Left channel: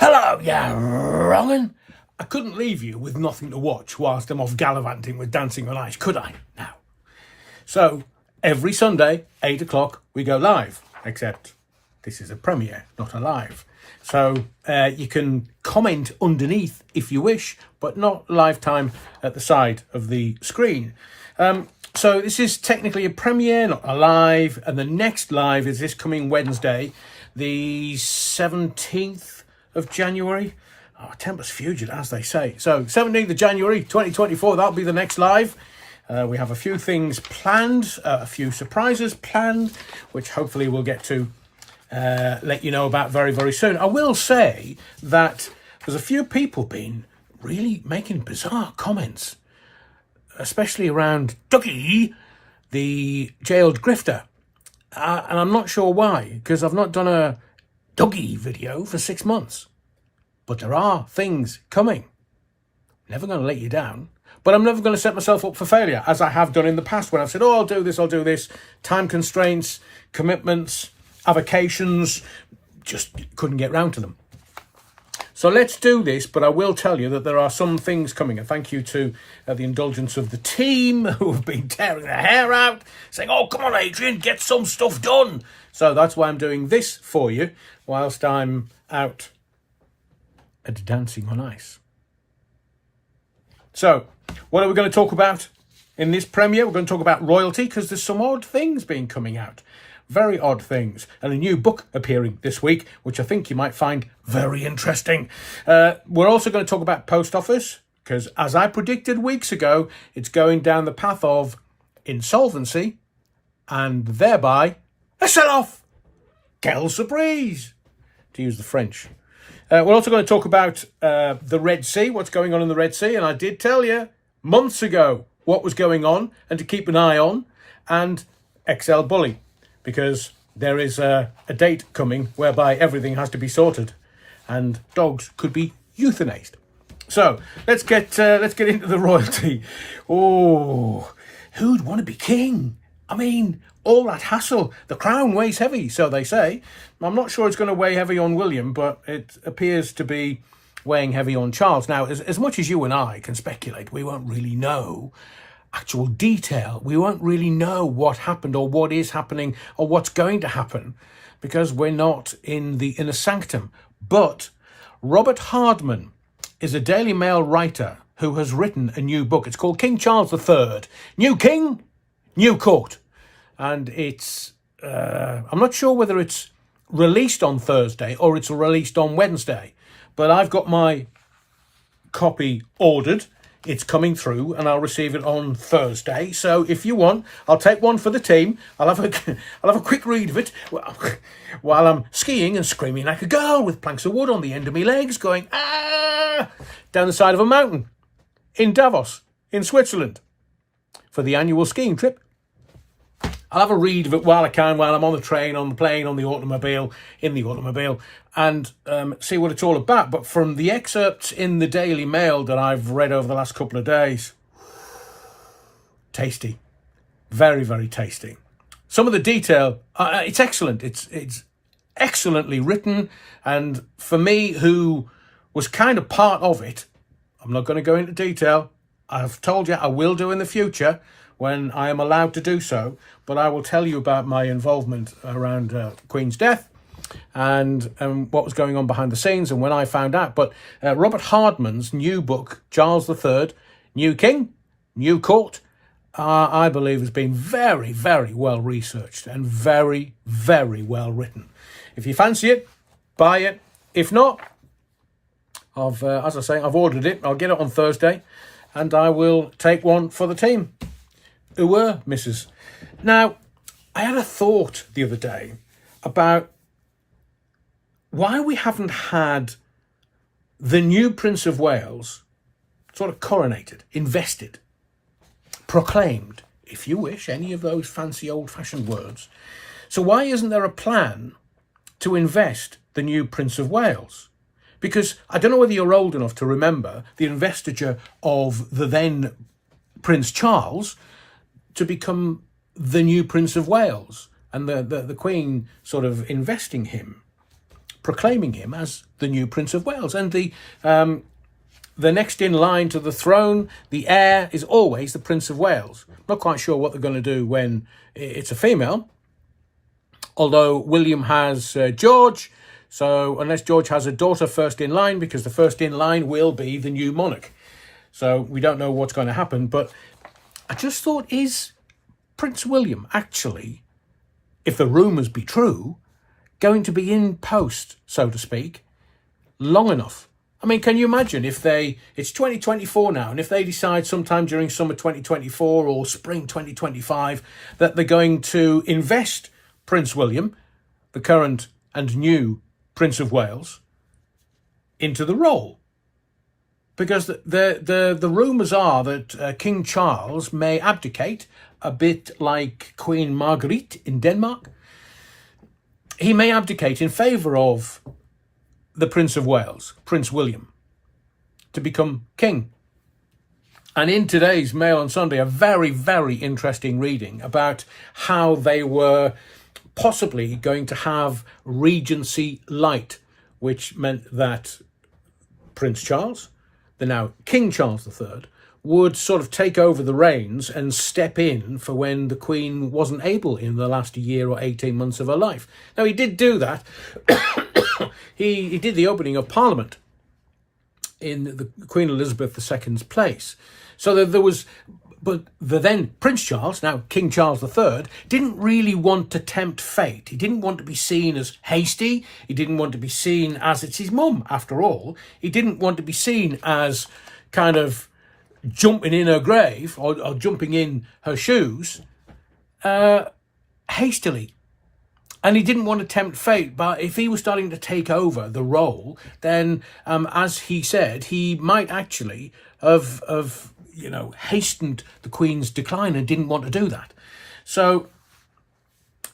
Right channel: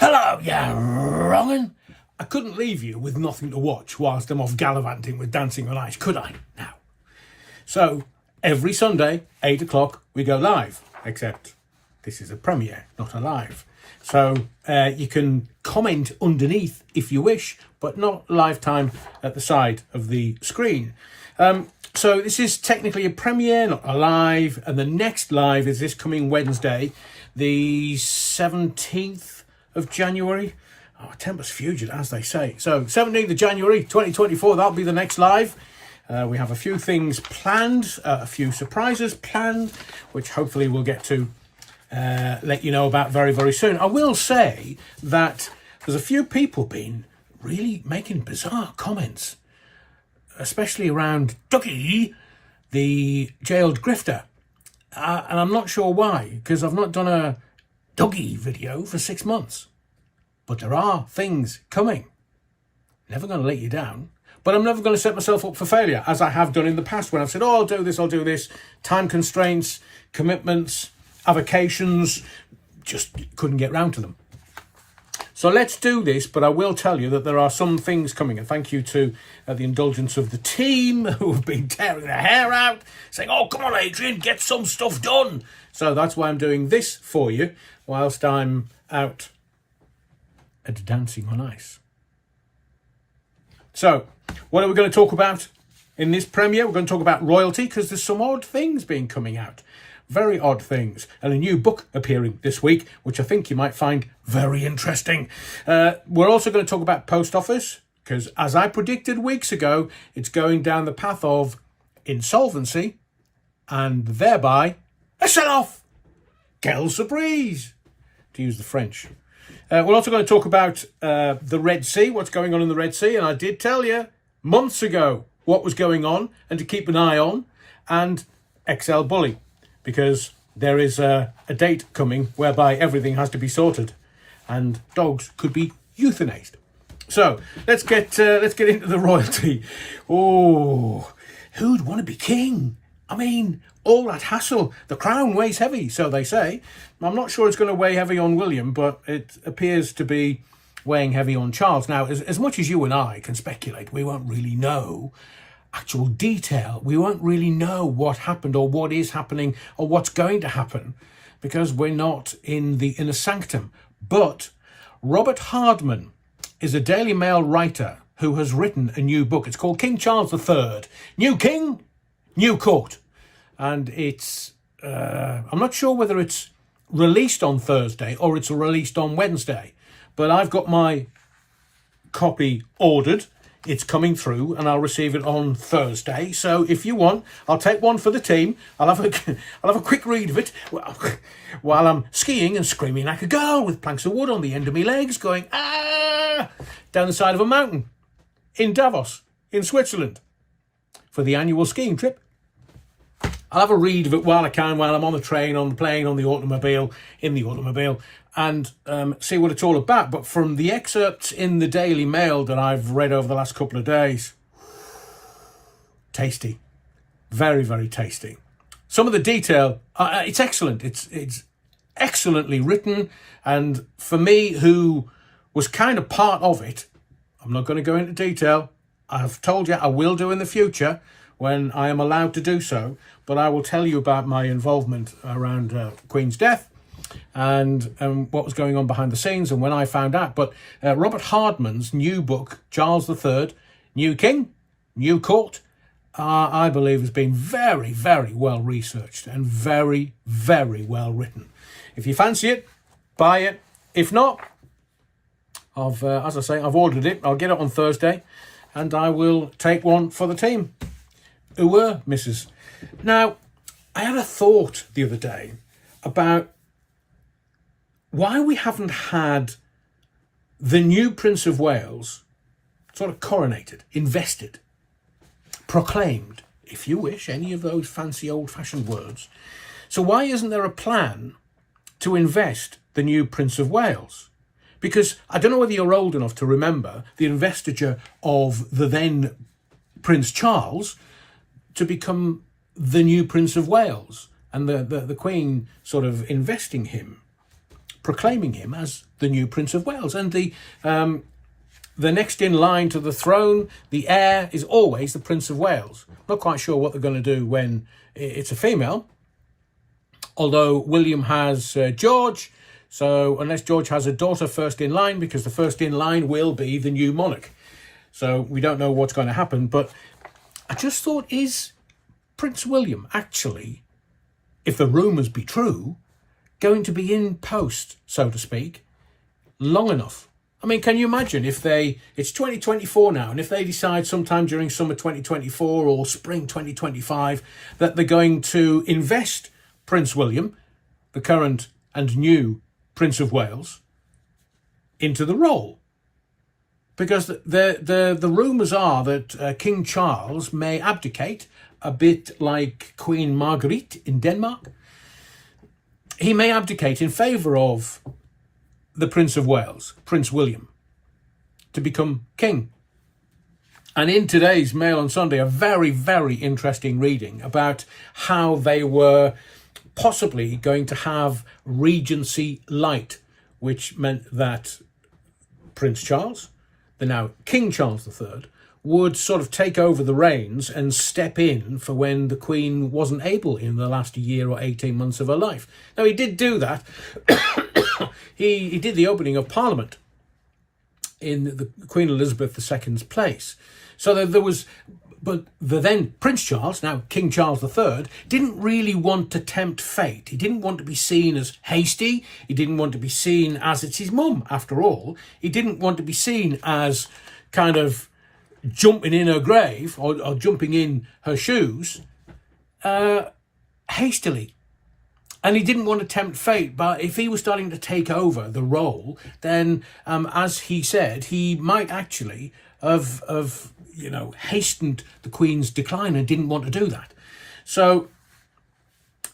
Hello, you wrong'un. I couldn't leave you with nothing to watch whilst I'm off gallivanting with Dancing on Ice, could I? Now. So, every Sunday, 8 o'clock, we go live. Except this is a premiere, not a live. So, you can comment underneath if you wish, but not live time at the side of the screen. So this is technically a premiere, not a live. And the next live is this coming Wednesday, the 17th of January. Oh, tempus fugit, as they say. So 17th of January, 2024, that'll be the next live. We have a few things planned, a few surprises planned, which hopefully we'll get to let you know about very, very soon. I will say that there's a few people been really making bizarre comments, especially around Dougie, the jailed grifter. And I'm not sure why, because I've not done a Dougie video for 6 months. But there are things coming. Never going to let you down. But I'm never going to set myself up for failure, as I have done in the past when I've said, oh, I'll do this. Time constraints, commitments, avocations, just couldn't get round to them. So let's do this, but I will tell you that there are some things coming. And thank you to the indulgence of the team who have been tearing their hair out, saying, oh, come on, Adrian, get some stuff done. So that's why I'm doing this for you whilst I'm out at Dancing on Ice. So what are we going to talk about in this premiere? We're going to talk about royalty, because there's some odd things being coming out. Very odd things. And a new book appearing this week, which I think you might find very interesting. We're also going to talk about post office, because as I predicted weeks ago, it's going down the path of insolvency and thereby a sell-off. Quelle surprise, to use the French. We're also going to talk about the Red Sea, what's going on in the Red Sea. And I did tell you months ago what was going on and to keep an eye on. And XL Bully, because there is a date coming whereby everything has to be sorted and dogs could be euthanized. So let's get into the royalty. Oh, who'd want to be king? I mean, all that hassle. The crown weighs heavy, so they say. I'm not sure it's going to weigh heavy on William, but it appears to be weighing heavy on Charles. Now, as much as you and I can speculate, we won't really know actual detail. We won't really know what happened or what is happening or what's going to happen, because we're not in the inner sanctum. But Robert Hardman is a Daily Mail writer who has written a new book. It's called King Charles III, New King, New Court. And it's, I'm not sure whether it's released on Thursday or it's released on Wednesday, but I've got my copy ordered. It's coming through and I'll receive it on Thursday. So if you want, I'll take one for the team. I'll have a quick read of it while I'm skiing and screaming like a girl with planks of wood on the end of my legs going, ah, down the side of a mountain in Davos, in Switzerland, for the annual skiing trip. I'll have a read of it while I can, while I'm on the train, on the plane, on the automobile, in the automobile, and see what it's all about. But from the excerpts in the Daily Mail that I've read over the last couple of days, tasty. Very, very tasty. Some of the detail, it's excellent. It's excellently written. And for me, who was kind of part of it, I'm not going to go into detail. I've told you I will do in the future when I am allowed to do so. But I will tell you about my involvement around Queen's death and what was going on behind the scenes and when I found out. But Robert Hardman's new book, Charles III, New King, New Court, I believe has been very, very well researched and very, very well written. If you fancy it, buy it. If not, as I say, I've ordered it. I'll get it on Thursday and I will take one for the team. Mrs. Now, I had a thought the other day about why we haven't had the new Prince of Wales sort of coronated, invested, proclaimed, if you wish, any of those fancy old-fashioned words. So why isn't there a plan to invest the new Prince of Wales? Because I don't know whether you're old enough to remember the investiture of the then Prince Charles to become the new Prince of Wales and the Queen sort of investing him. proclaiming him as the new Prince of Wales. And the next in line to the throne, the heir, is always the Prince of Wales. Not quite sure what they're going to do when it's a female, although William has George, so unless George has a daughter first in line, because the first in line will be the new monarch. So we don't know what's going to happen, but I just thought, is Prince William actually, if the rumours be true, going to be in post, so to speak, long enough? I mean, can you imagine if it's 2024 now, and if they decide sometime during summer 2024 or spring 2025 that they're going to invest Prince William, the current and new Prince of Wales, into the role? Because the rumours are that King Charles may abdicate, a bit like Queen Marguerite in Denmark. He may abdicate in favour of the Prince of Wales, Prince William, to become king. And in today's Mail on Sunday, a very, very interesting reading about how they were possibly going to have regency light, which meant that Prince Charles, the now King Charles III, would sort of take over the reins and step in for when the Queen wasn't able in the last year or 18 months of her life. Now, he did do that. He did the opening of Parliament in the Queen Elizabeth II's place. So that there was, but the then Prince Charles, now King Charles III, didn't really want to tempt fate. He didn't want to be seen as hasty. He didn't want to be seen as, it's his mum, after all. He didn't want to be seen as kind of jumping in her grave or jumping in her shoes hastily. And he didn't want to tempt fate, but if he was starting to take over the role, then, as he said, he might actually have hastened the Queen's decline and didn't want to do that. So,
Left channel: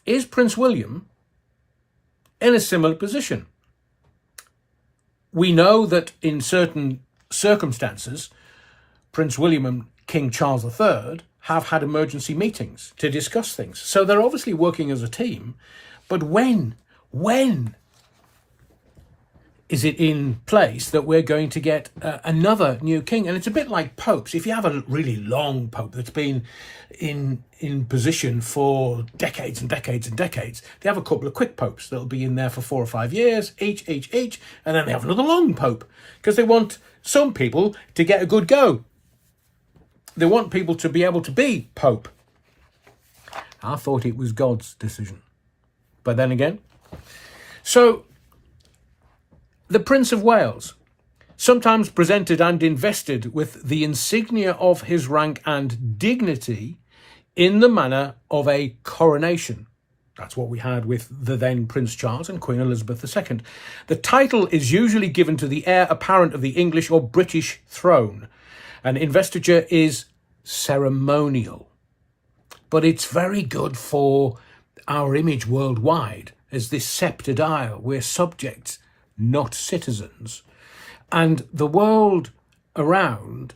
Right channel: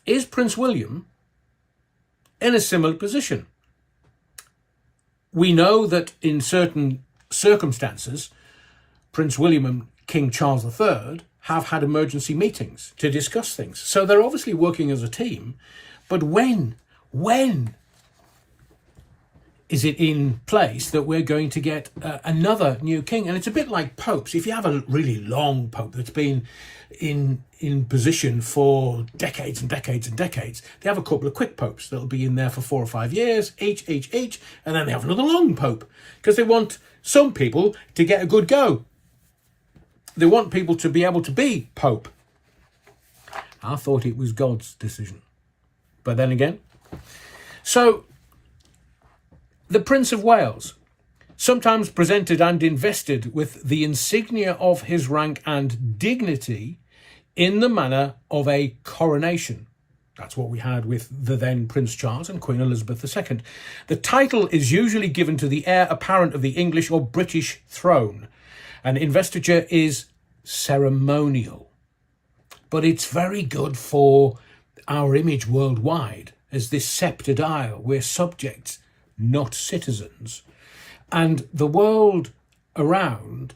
is Prince William in a similar position? We know that in certain circumstances, Prince William and King Charles III have had emergency meetings to discuss things. So they're obviously working as a team. But when is it in place that we're going to get another new king? And it's a bit like popes. If you have a really long pope that's been in position for decades and decades and decades, they have a couple of quick popes that'll be in there for 4 or 5 years, each, and then they have another long pope, because they want some people to get a good go. They want people to be able to be pope. I thought it was God's decision. But then again, so the Prince of Wales, sometimes presented and invested with the insignia of his rank and dignity in the manner of a coronation. That's what we had with the then Prince Charles and Queen Elizabeth II. The title is usually given to the heir apparent of the English or British throne, and investiture is ceremonial. But it's very good for our image worldwide as this sceptred isle. We're subjects, not citizens. And the world around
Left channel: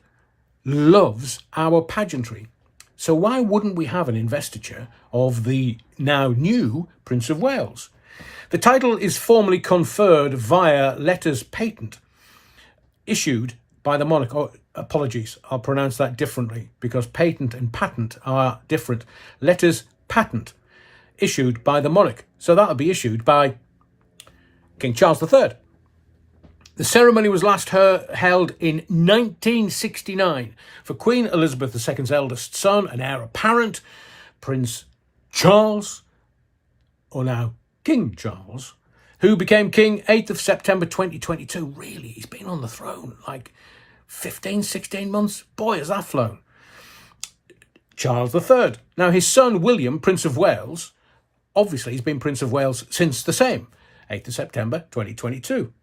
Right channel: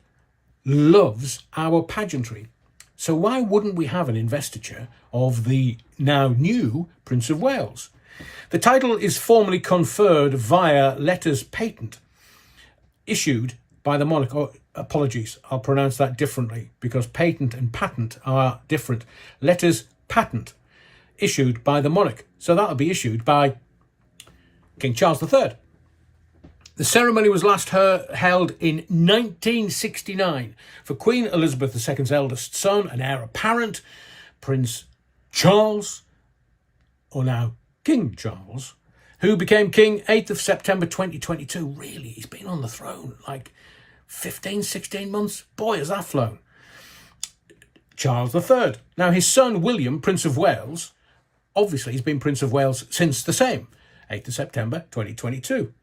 loves our pageantry. So why wouldn't we have an investiture of the now new Prince of Wales? The title is formally conferred via letters patent issued by the monarch. Oh, apologies, I'll pronounce that differently because patent and patent are different. Letters patent issued by the monarch. So that'll be issued by King Charles III. The ceremony was last held in 1969 for Queen Elizabeth II's eldest son and heir apparent, Prince Charles, or now King Charles, who became king 8th of September 2022. Really, he's been on the throne like 15, 16 months. Boy, has that flown. Charles III. Now, his son William, Prince of Wales, obviously he's been Prince of Wales since the same, 8th of September 2022.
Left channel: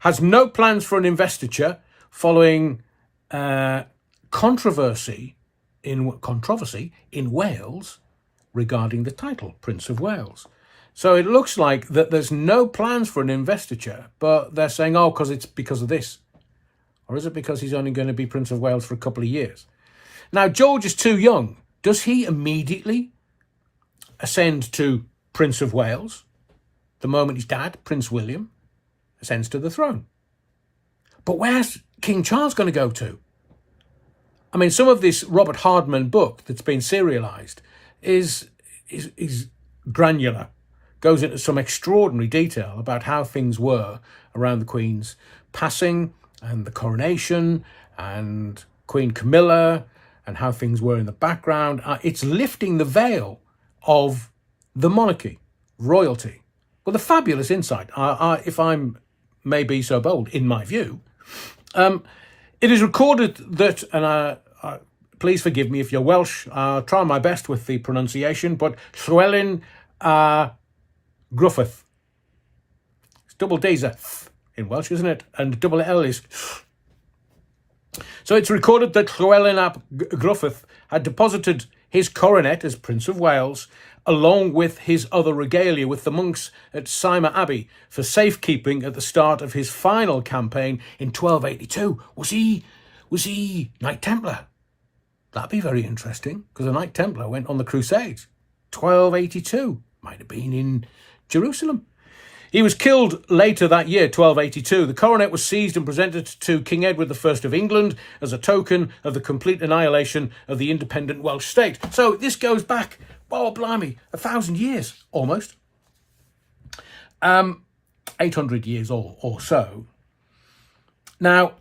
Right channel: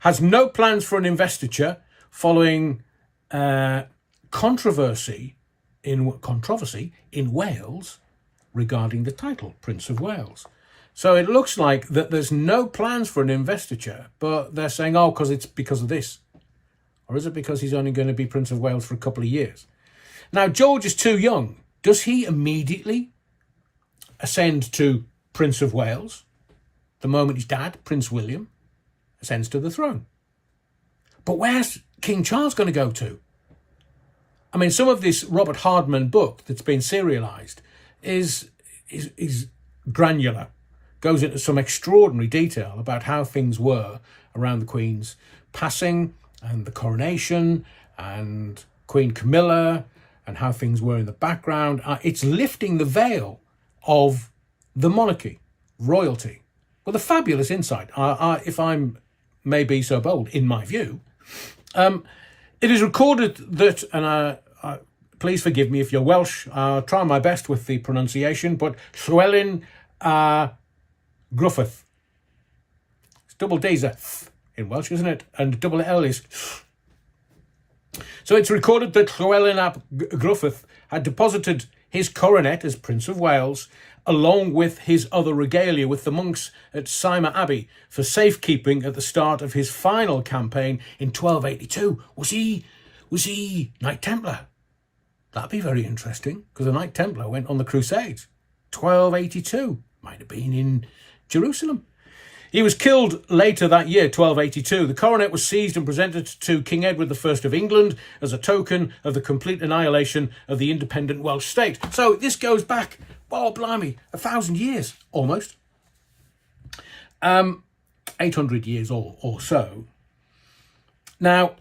Has no plans for an investiture following controversy in Wales regarding the title Prince of Wales. So it looks like that there's no plans for an investiture, but they're saying, oh, because it's because of this. Or is it because he's only going to be Prince of Wales for a couple of years? Now, George is too young. Does he immediately ascend to Prince of Wales the moment his dad, Prince William, ascends to the throne. But where's King Charles going to go to? I mean, some of this Robert Hardman book that's been serialised is granular, goes into some extraordinary detail about how things were around the Queen's passing and the coronation and Queen Camilla and how things were in the background. It's lifting the veil of the monarchy, royalty, with a fabulous insight, if I may be so bold, in my view. It is recorded that, and please forgive me if you're Welsh, I'll try my best with the pronunciation, but Llywelyn Gruffydd. It's double D's a th in Welsh, isn't it? And double L is. So it's recorded that Llywelyn ap Gruffydd had deposited his coronet as Prince of Wales, along with his other regalia, with the monks at Cyma Abbey for safekeeping at the start of his final campaign in 1282. Was he Knight Templar? That'd be very interesting, because a Knight Templar went on the Crusades. 1282. Might have been in Jerusalem. He was killed later that year, 1282. The coronet was seized and presented to King Edward I of England as a token of the complete annihilation of the independent Welsh state. So this goes back, oh blimey, 1,000 years, almost. 800 years or so. Now,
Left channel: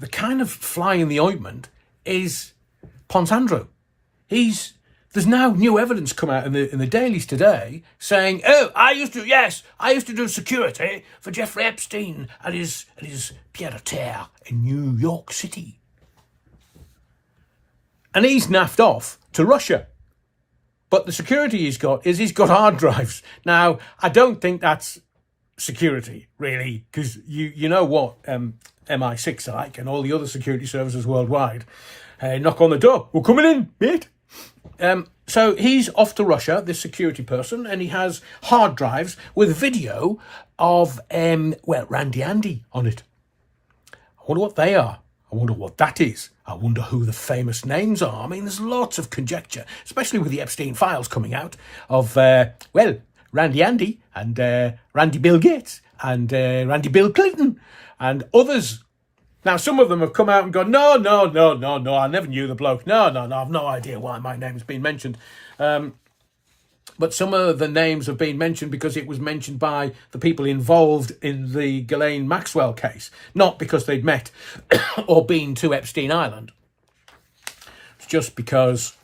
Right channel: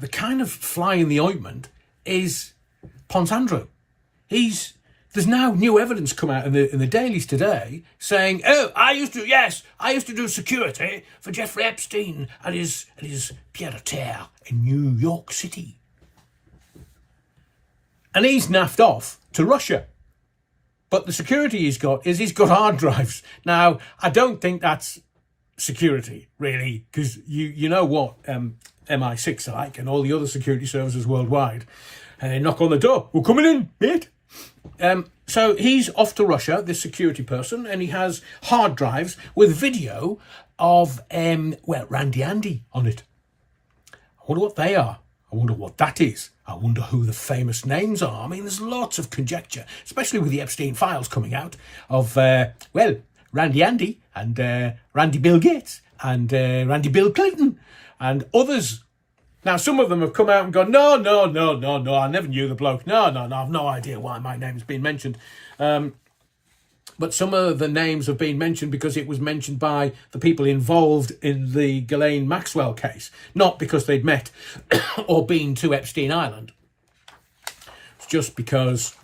the kind of fly in the ointment is Pons Andrew. There's now new evidence come out in the dailies today saying, oh, I used to do security for Jeffrey Epstein at his pied-à-terre in New York City. And he's naffed off to Russia. But the security he's got hard drives. Now, I don't think that's security, really, because you know what MI6 are like and all the other security services worldwide. Knock on the door. We're coming in, mate. So he's off to Russia, this security person, and he has hard drives with video of, Randy Andy on it. I wonder what they are. I wonder what that is. I wonder who the famous names are. I mean, there's lots of conjecture, especially with the Epstein files coming out of, Randy Andy and Randy Bill Gates and Randy Bill Clinton and others. Now, some of them have come out and gone, no, I never knew the bloke. No, I've no idea why my name's been mentioned. But some of the names have been mentioned because it was mentioned by the people involved in the Ghislaine Maxwell case, not because they'd met or been to Epstein Island. It's just because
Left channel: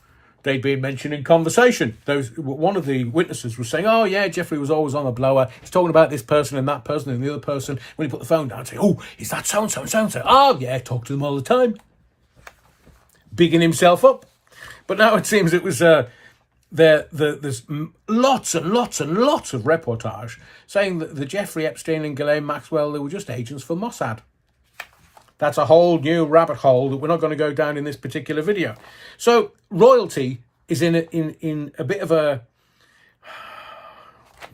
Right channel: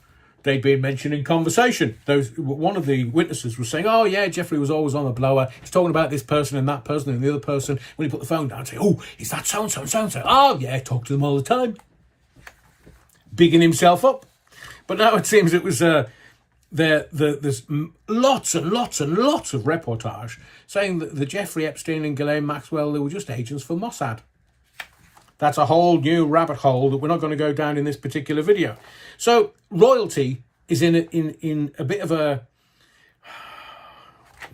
they'd been mentioned in conversation. One of the witnesses was saying, oh, yeah, Jeffrey was always on the blower. He's talking about this person and that person and the other person. When he put the phone down, say, oh, is that so-and-so and so-and-so? Oh, yeah, talk to them all the time. Bigging himself up. But now it seems it was... there's lots and lots and lots of reportage saying that the Jeffrey Epstein and Ghislaine Maxwell, they were just agents for Mossad. That's a whole new rabbit hole that we're not going to go down in this particular video. So royalty is in a bit of a,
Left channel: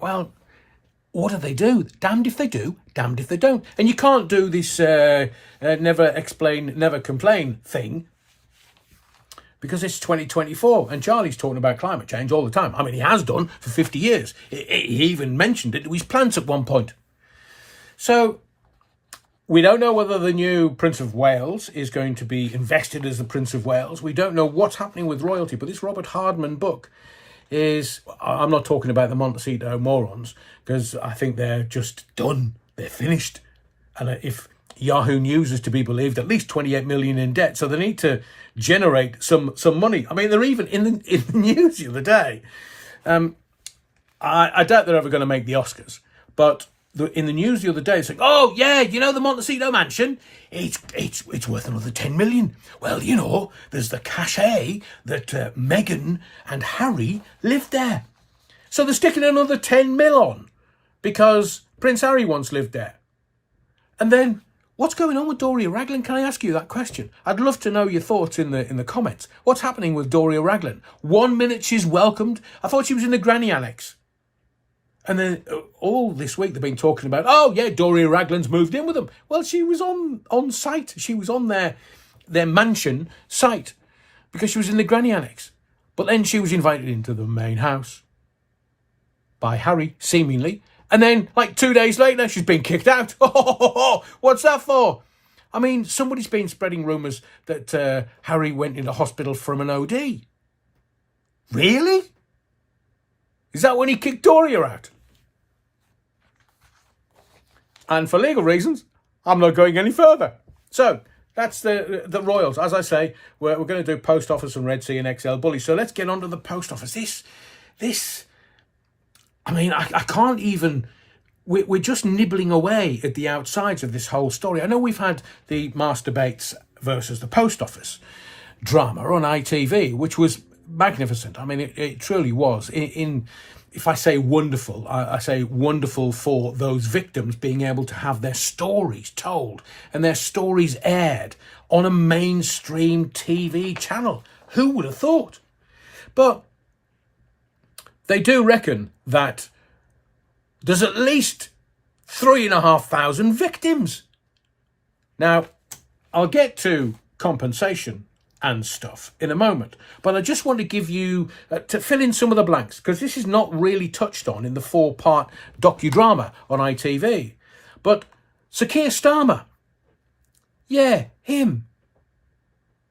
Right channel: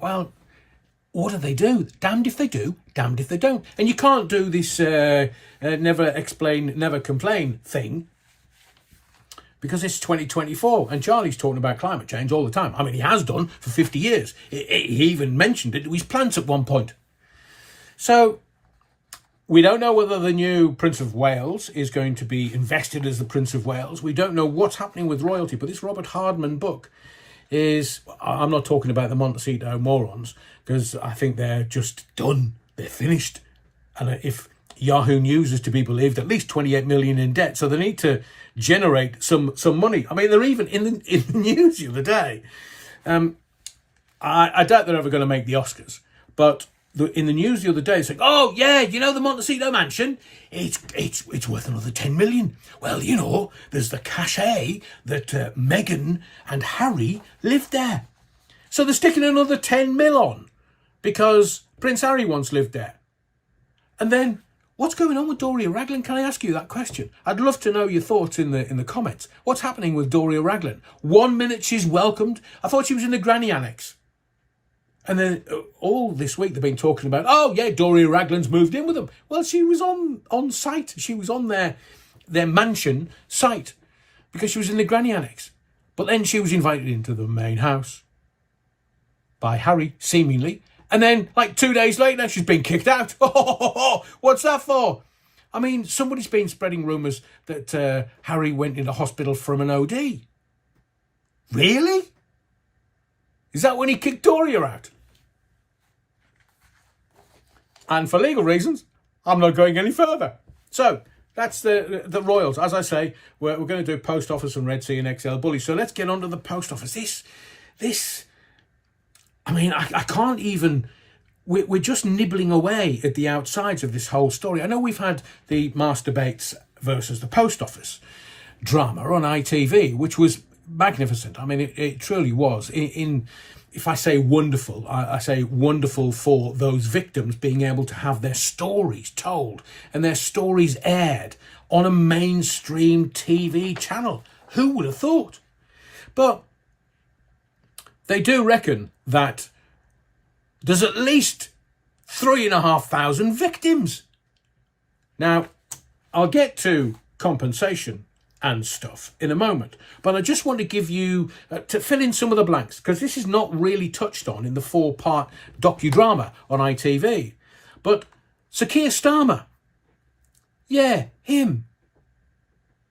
well, what do they do? Damned if they do, damned if they don't. And you can't do this never explain, never complain thing, because it's 2024 and Charlie's talking about climate change all the time. I mean, he has done for 50 years. He even mentioned it to his plants at one point. So we don't know whether the new Prince of Wales is going to be invested as the Prince of Wales. We don't know what's happening with royalty, but this Robert Hardman book is, I'm not talking about the Montecito morons, because I think they're just done. They're finished. And if Yahoo News is to be believed, at least 28 million in debt. So they need to generate some money. I mean, they're even in the news the other day. I doubt they're ever going to make the Oscars, but in the news the other day, it's like, oh yeah, you know the Montecito mansion, it's worth another 10 million. Well, you know, there's the cachet that Meghan and Harry lived there, so they're sticking another 10 mil on because Prince Harry once lived there. And then what's going on with Doria Raglan? Can I ask you that question? I'd love to know your thoughts in the comments. What's happening with Doria Raglan? 1 minute she's welcomed. I thought she was in the granny annex. And then all this week they've been talking about, oh yeah, Doria Raglan's moved in with them. Well, she was on site. She was on their mansion site because she was in the granny annex. But then she was invited into the main house by Harry, seemingly, And then, like 2 days later, she's been kicked out. What's that for? I mean, somebody's been spreading rumours that Harry went into hospital from an OD. Really? Is that when he kicked Doria out? And for legal reasons, I'm not going any further. So, that's the Royals. As I say, we're going to do Post Office and Red Sea and XL Bully. So let's get on to the Post Office. This, I mean, I can't even... We're just nibbling away at the outsides of this whole story. I know we've had the masturbates versus the Post Office drama on ITV, which was magnificent. I mean, it truly was. If I say wonderful, I say wonderful for those victims being able to have their stories told and their stories aired on a mainstream TV channel. Who would have thought? But they do reckon that there's at least 3,500 victims. Now, I'll get to compensation and stuff in a moment, but I just want to give you, to fill in some of the blanks, because this is not really touched on in the 4-part docudrama on ITV. But Sir Keir Starmer, yeah, him.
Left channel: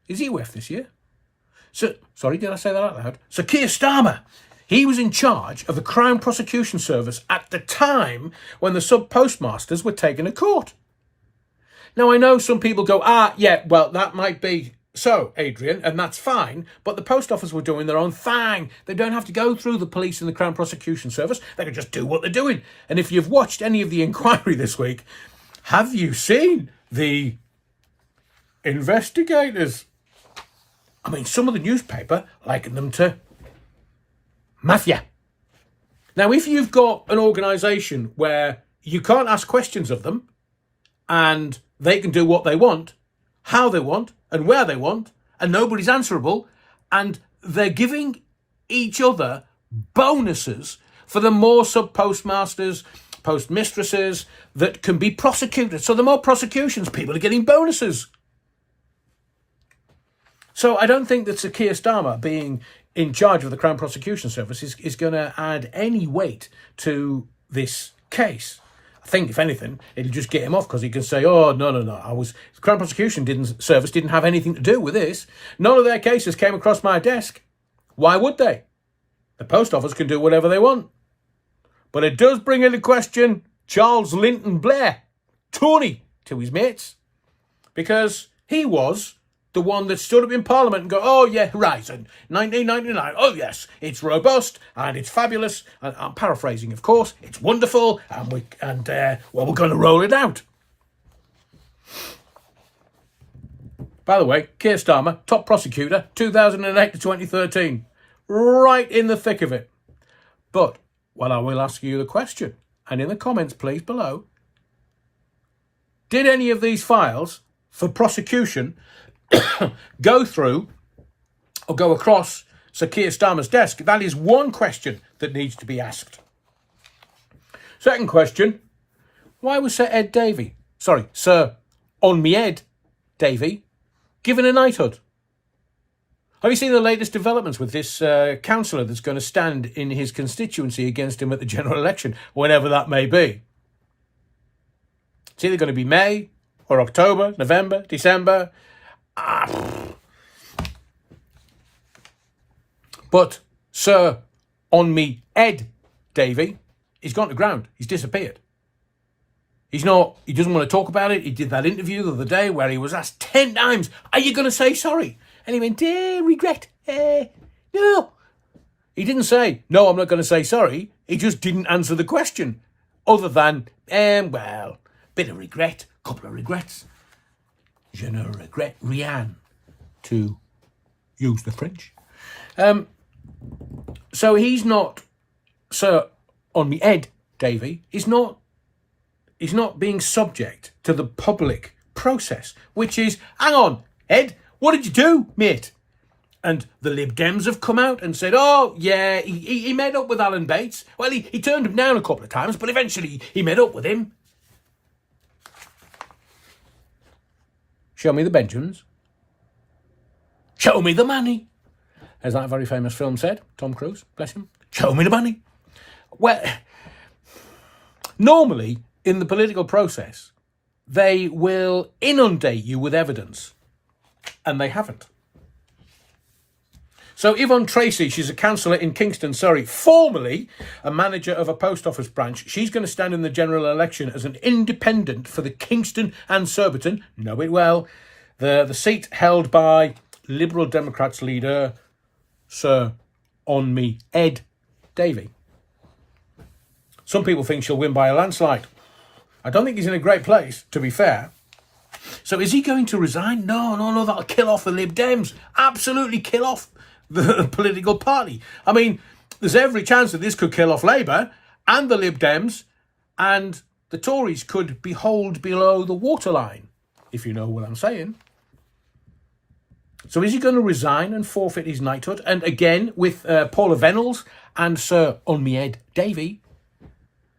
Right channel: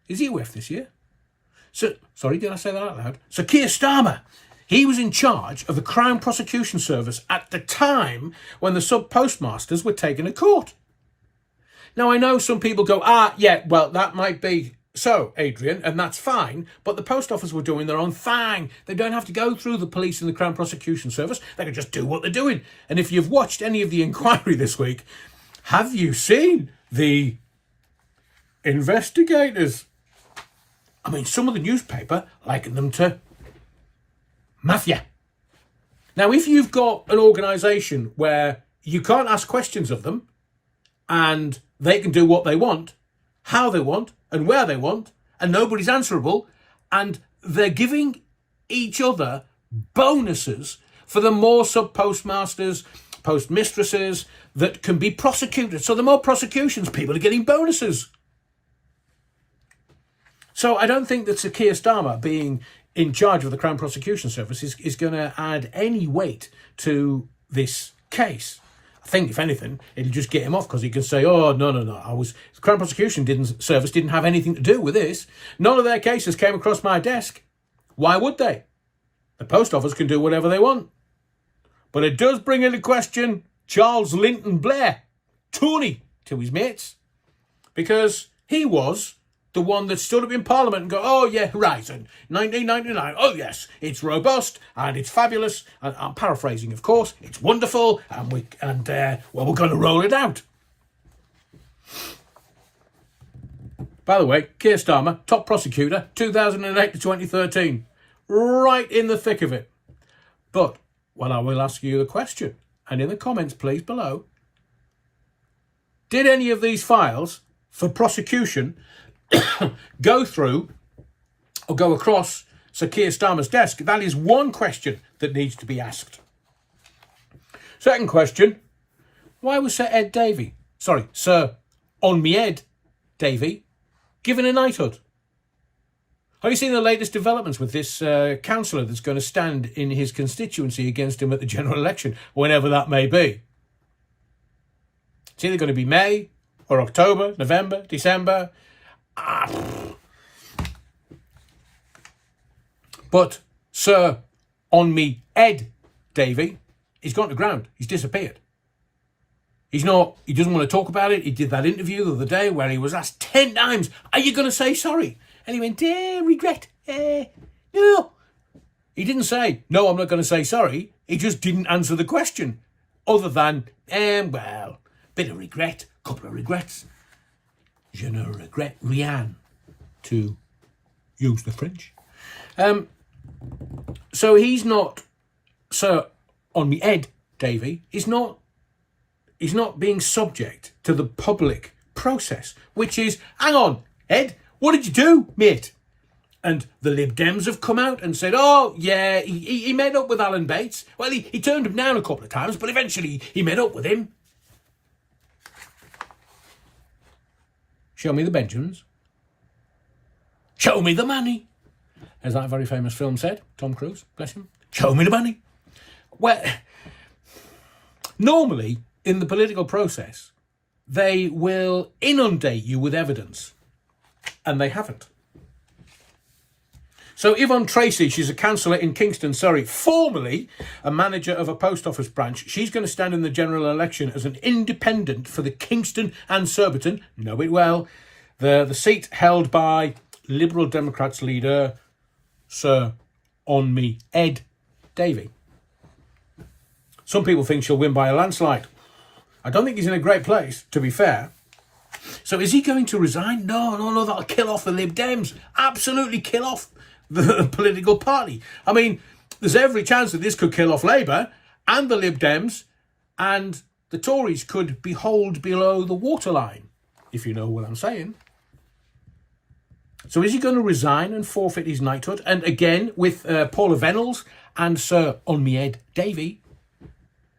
Is he WEF this year? Sorry, did I say that out loud? Sir Keir Starmer. He was in charge of the Crown Prosecution Service at the time when the sub-postmasters were taken to court. Now, I know some people go, yeah, well, that might be so, Adrian, and that's fine, but the Post Office were doing their own thing. They don't have to go through the police and the Crown Prosecution Service. They can just do what they're doing. And if you've watched any of the inquiry this week, have you seen the investigators? I mean, some of the newspaper liken them to mafia. Now, if you've got an organisation where you can't ask questions of them and they can do what they want, how they want and where they want, and nobody's answerable, and they're giving each other bonuses for the more sub-postmasters, postmistresses that can be prosecuted. So the more prosecutions, people are getting bonuses. So I don't think that Sir Keir Starmer being in charge of the Crown Prosecution Service is going to add any weight to this case. I think, if anything, it'll just get him off because he can say, oh, no, the Crown Prosecution Service didn't have anything to do with this. None of their cases came across my desk. Why would they? The Post Office can do whatever they want. But it does bring into question Charles Linton Blair, Tony, to his mates, because he was the one that stood up in Parliament and go, oh, yeah, Horizon, 1999, oh, yes, it's robust and it's fabulous. And I'm paraphrasing, of course. It's wonderful and we're going to roll it out. By the way, Keir Starmer, top prosecutor, 2008 to 2013. Right in the thick of it. But, well, I will ask you the question, and in the comments, please, below, did any of these files for prosecution go through or go across Sir Keir Starmer's desk? That is one question that needs to be asked. Second question, why was Sir Ed Davey, Sir Ed Davey, given a knighthood? Have you seen the latest developments with this councillor that's going to stand in his constituency against him at the general election, whenever that may be? It's either going to be May or October, November, December. But Sir Ed Davey, he's gone to ground. He's disappeared. He doesn't want to talk about it. He did that interview the other day where he was asked 10 times, are you going to say sorry? And he went, regret. No. He didn't say, no, I'm not going to say sorry. He just didn't answer the question. Other than, bit of regret, couple of regrets. Je ne regrette rien, to use the French. So he's not, Sir Ed Davey, he's not being subject to the public process, which is, hang on, Ed, what did you do, mate? And the Lib Dems have come out and said, oh, yeah, he made up with Alan Bates. Well, he turned him down a couple of times, but eventually he made up with him. Show me the Benjamins. Show me the money. As that very famous film said, Tom Cruise, bless him. Show me the money. Well, Normally, in the political process, they will inundate you with evidence, and they haven't. So Yvonne Tracy, she's a councillor in Kingston, Surrey, formerly a manager of a post office branch. She's going to stand in the general election as an independent for the Kingston and Surbiton, know it well, the seat held by Liberal Democrats leader Sir Ed Davey. Some people think she'll win by a landslide. I don't think he's in a great place, to be fair. So is he going to resign? No, that'll kill off the Lib Dems. Absolutely kill off the political party. I mean, there's every chance that this could kill off Labour and the Lib Dems, and the Tories could be hauled below the waterline, if you know what I'm saying. So is he going to resign and forfeit his knighthood? And again, with Paula Venables and Sir Ed Davey,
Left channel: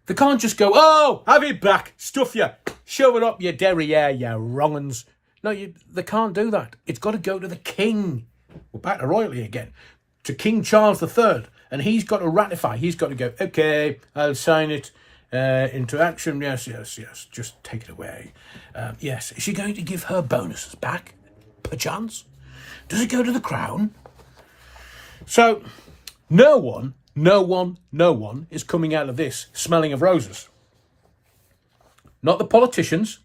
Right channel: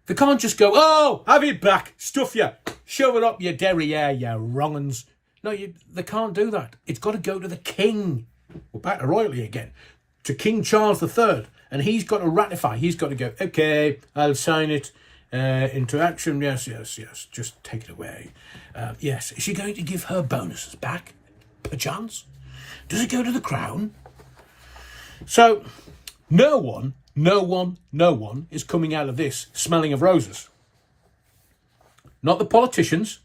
they can't just go, oh, have it back, stuff you, shove it up your derriere, you wrong uns. No, they can't do that. It's got to go to the king. We're back to royalty again, to King Charles III, and he's got to ratify. He's got to go, okay, I'll sign it into action. Yes, just take it away. Yes, is she going to give her bonuses back, perchance? Does it go to the crown? So no one is coming out of this smelling of roses. Not the politicians.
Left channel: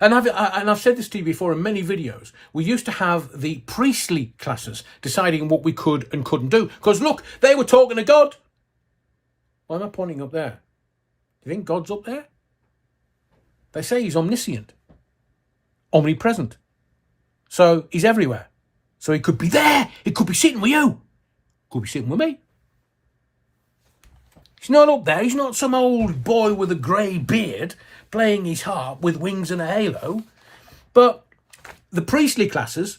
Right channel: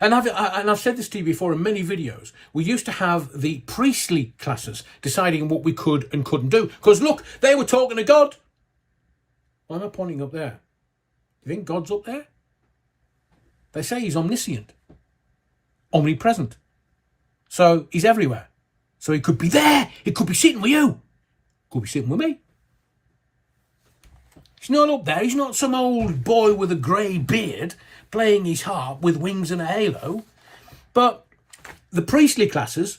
And I've said this to you before in many videos. We used to have the priestly classes deciding what we could and couldn't do. Because look, they were talking to God. Why am I pointing up there? Do you think God's up there? They say he's omniscient, omnipresent. So he's everywhere. So he could be there. He could be sitting with you. Could be sitting with me. He's not up there. He's not some old boy with a grey beard playing his harp with wings and a halo. But the priestly classes,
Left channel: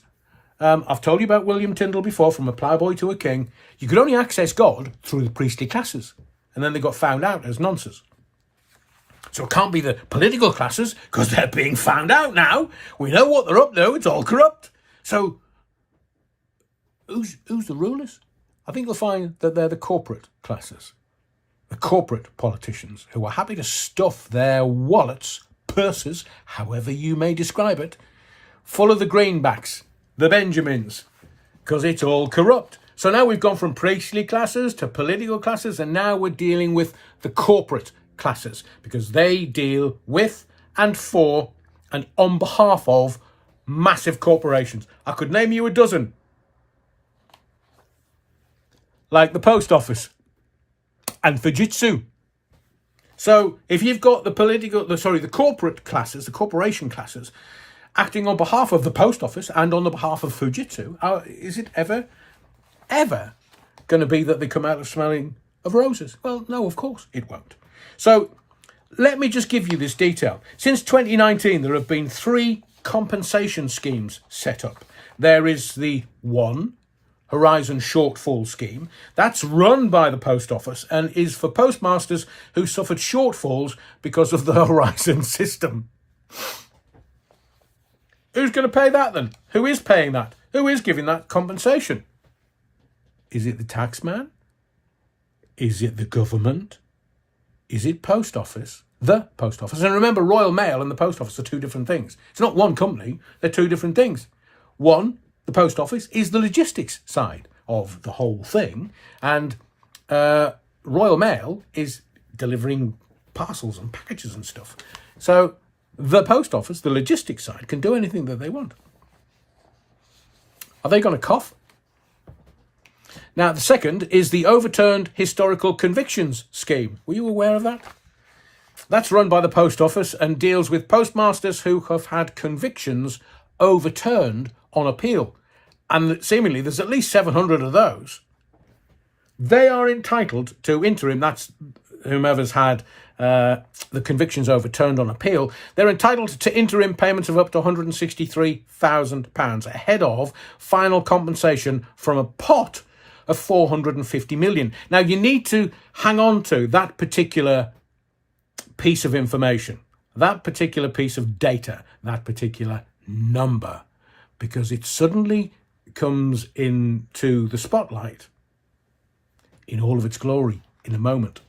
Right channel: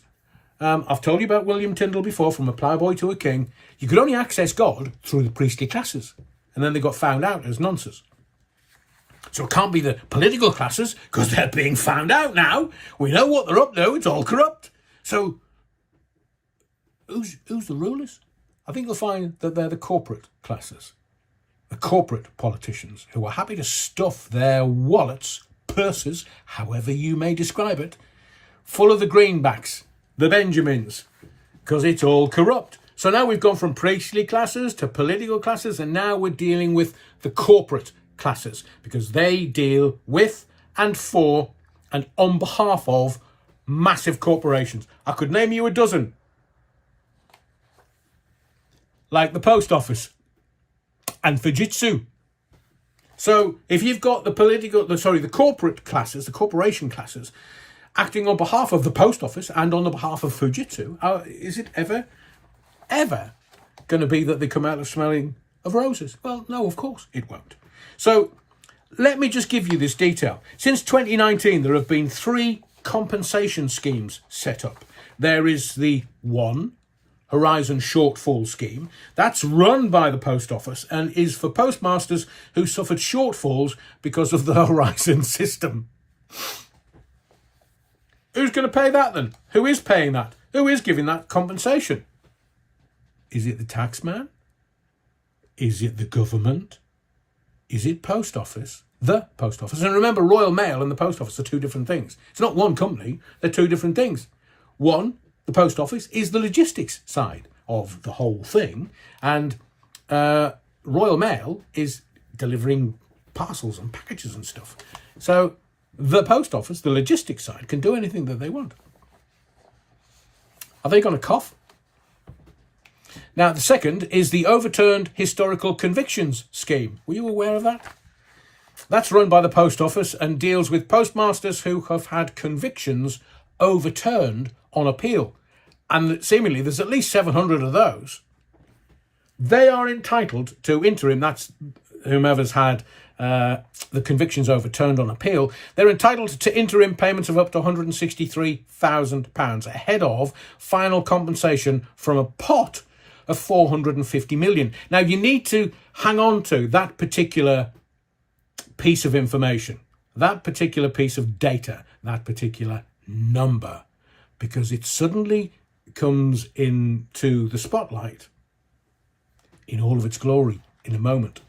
I've told you about William Tyndale before, from a ploughboy to a king. You could only access God through the priestly classes. And then they got found out as nonsense. So it can't be the political classes, because they're being found out now. We know what they're up to. It's all corrupt. So who's the rulers? I think you'll find that they're the corporate classes. The corporate politicians who are happy to stuff their wallets, purses, however you may describe it, full of the greenbacks, the Benjamins, because it's all corrupt. So now we've gone from priestly classes to political classes, and now we're dealing with the corporate classes, because they deal with and for and on behalf of massive corporations. I could name you a dozen. Like the post office and Fujitsu. So if you've got the corporate classes, the corporation classes, acting on behalf of the post office and on the behalf of Fujitsu, is it ever going to be that they come out of smelling of roses? Well, no, of course it won't. So let me just give you this detail. Since 2019, there have been 3 compensation schemes set up. There is the one Horizon Shortfall Scheme. That's run by the Post Office and is for postmasters who suffered shortfalls because of the Horizon system. Who's going to pay that then? Who is paying that? Who is giving that compensation? Is it the taxman? Is it the government? Is it Post Office? The Post Office. And remember, Royal Mail and the Post Office are 2 different things. It's not one company. They're 2 different things. One, the Post Office, is the logistics side of the whole thing. And Royal Mail is delivering parcels and packages and stuff. So the Post Office, the logistics side, can do anything that they want. Are they going to cough? Now, the second is the Overturned Historical Convictions Scheme. Were you aware of that? That's run by the Post Office and deals with postmasters who have had convictions overturned on appeal. And seemingly there's at least 700 of those. They are entitled to interim, that's whomever's had the convictions overturned on appeal, they're entitled to interim payments of up to £163,000 ahead of final compensation from a pot of 450 million. Now, you need to hang on to that particular piece of information, that particular piece of data, that particular number, because it suddenly comes into the spotlight in all of its glory in a moment.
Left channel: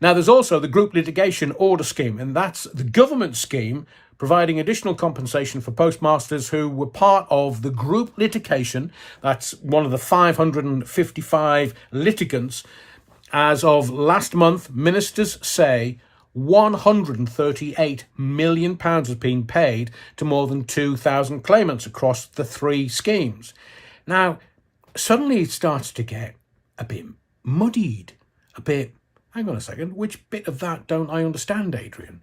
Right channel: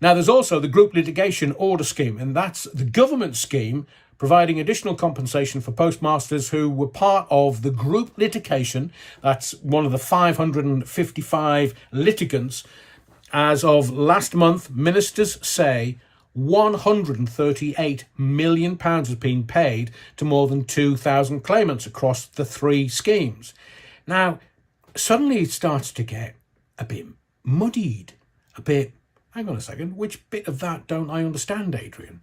Now, there's also the group litigation order scheme, and that's the government scheme providing additional compensation for postmasters who were part of the group litigation. That's one of the 555 litigants. As of last month, ministers say £138 million has been paid to more than 2,000 claimants across the three schemes. Now, suddenly it starts to get a bit muddied, a bit, hang on a second, which bit of that don't I understand, Adrian?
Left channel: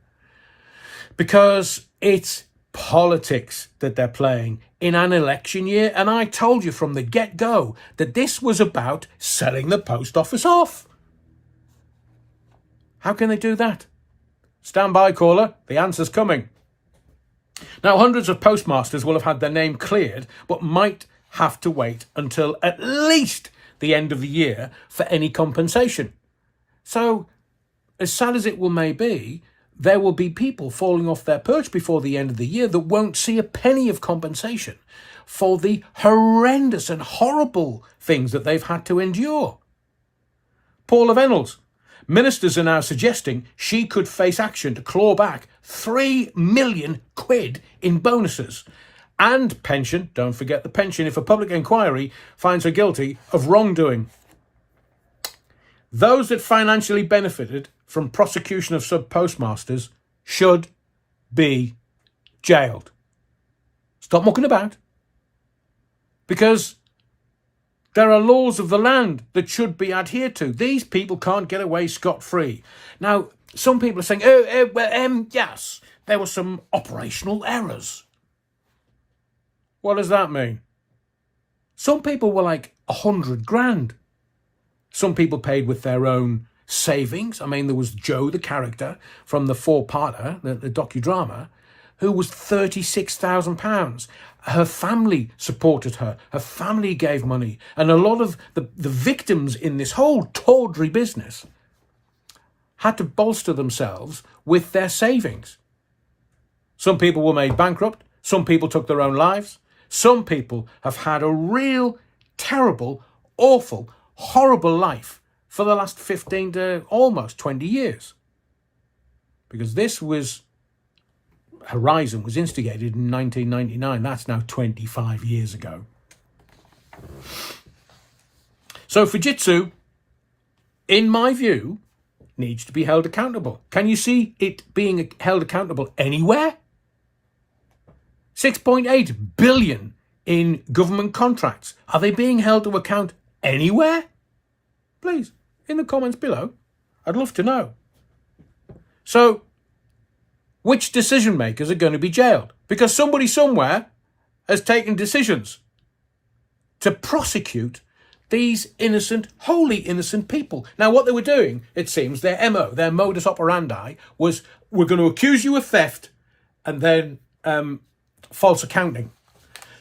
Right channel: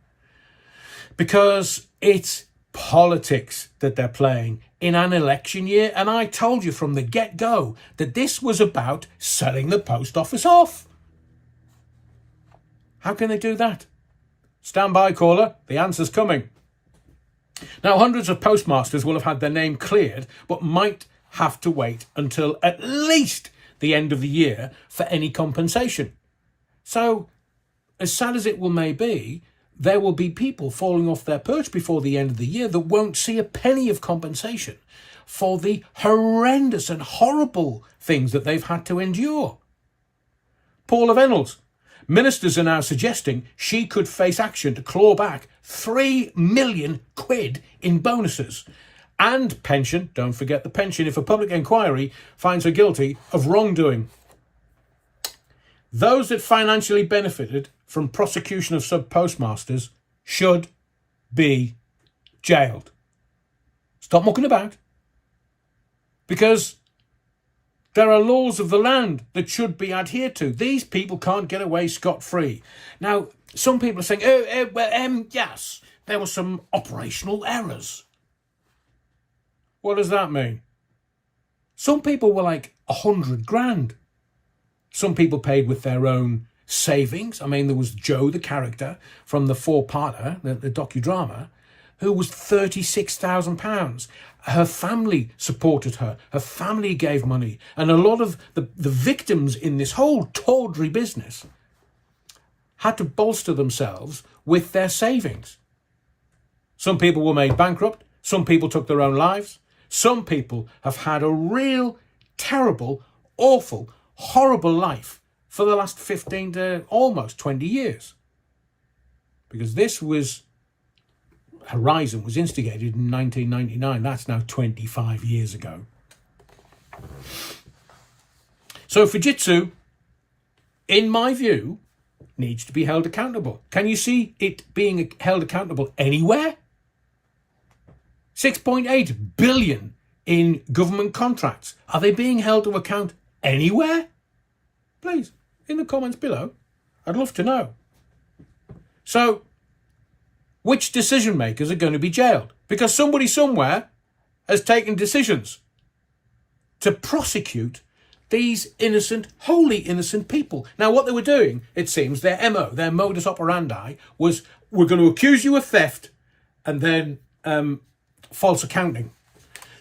Because it's politics that they're playing in an election year, and I told you from the get-go that this was about selling the post office off. How can they do that? Stand by, caller. The answer's coming. Now, hundreds of postmasters will have had their name cleared, but might have to wait until at least the end of the year for any compensation. So, as sad as it may be, there will be people falling off their perch before the end of the year that won't see a penny of compensation for the horrendous and horrible things that they've had to endure. Paula Reynolds. Ministers are now suggesting she could face action to claw back £3 million in bonuses and pension. Don't forget the pension if a public inquiry finds her guilty of wrongdoing. Those that financially benefited from prosecution of sub-postmasters should be jailed. Stop mucking about. Because there are laws of the land that should be adhered to. These people can't get away scot-free. Now, some people are saying, yes, there were some operational errors. What does that mean? Some people were like 100 grand. Some people paid with their own savings. I mean, there was Joe, the character from the four-parter, the docudrama, who was £36,000. Her family supported her. Her family gave money. And a lot of the victims in this whole tawdry business had to bolster themselves with their savings. Some people were made bankrupt. Some people took their own lives. Some people have had a real, terrible, awful, horrible life for the last 15 to almost 20 years. Because this was... Horizon was instigated in 1999. That's now 25 years ago. So Fujitsu, in my view, needs to be held accountable. Can you see it being held accountable anywhere? 6.8 billion in government contracts. Are they being held to account anywhere? Please, in the comments below. I'd love to know. So, which decision makers are going to be jailed? Because somebody somewhere has taken decisions to prosecute these innocent, wholly innocent people. Now, what they were doing, it seems, their MO, their modus operandi, was we're going to accuse you of theft and then false accounting.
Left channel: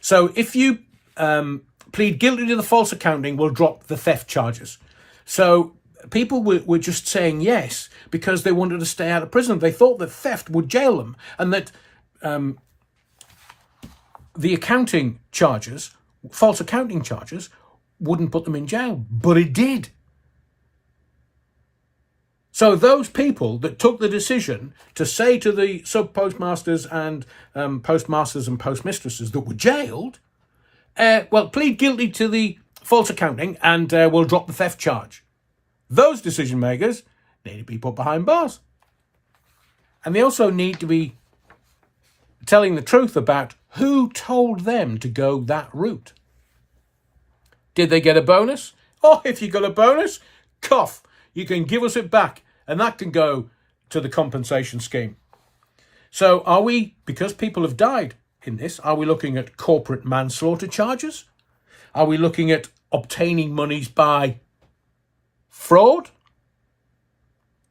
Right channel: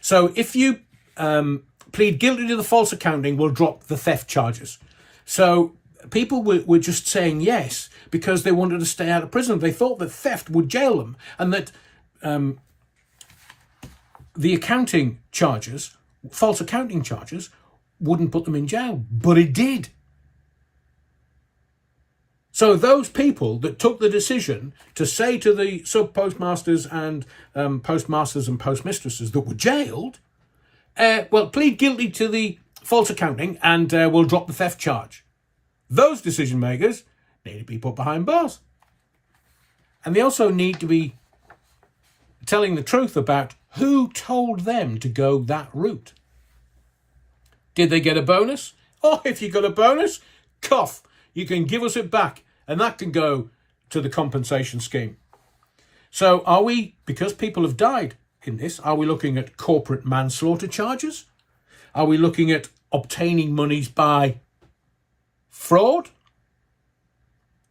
So if you plead guilty to the false accounting, we'll drop the theft charges. So people were just saying yes because they wanted to stay out of prison. They thought that theft would jail them and that the accounting charges, false accounting charges, wouldn't put them in jail. But it did. So those people that took the decision to say to the sub-postmasters and postmasters and postmistresses that were jailed, well, plead guilty to the false accounting and we'll drop the theft charge. Those decision makers need to be put behind bars. And they also need to be telling the truth about who told them to go that route. Did they get a bonus? Oh, if you got a bonus, cough, you can give us it back. And that can go to the compensation scheme. So are we, because people have died in this, are we looking at corporate manslaughter charges? Are we looking at obtaining monies by fraud?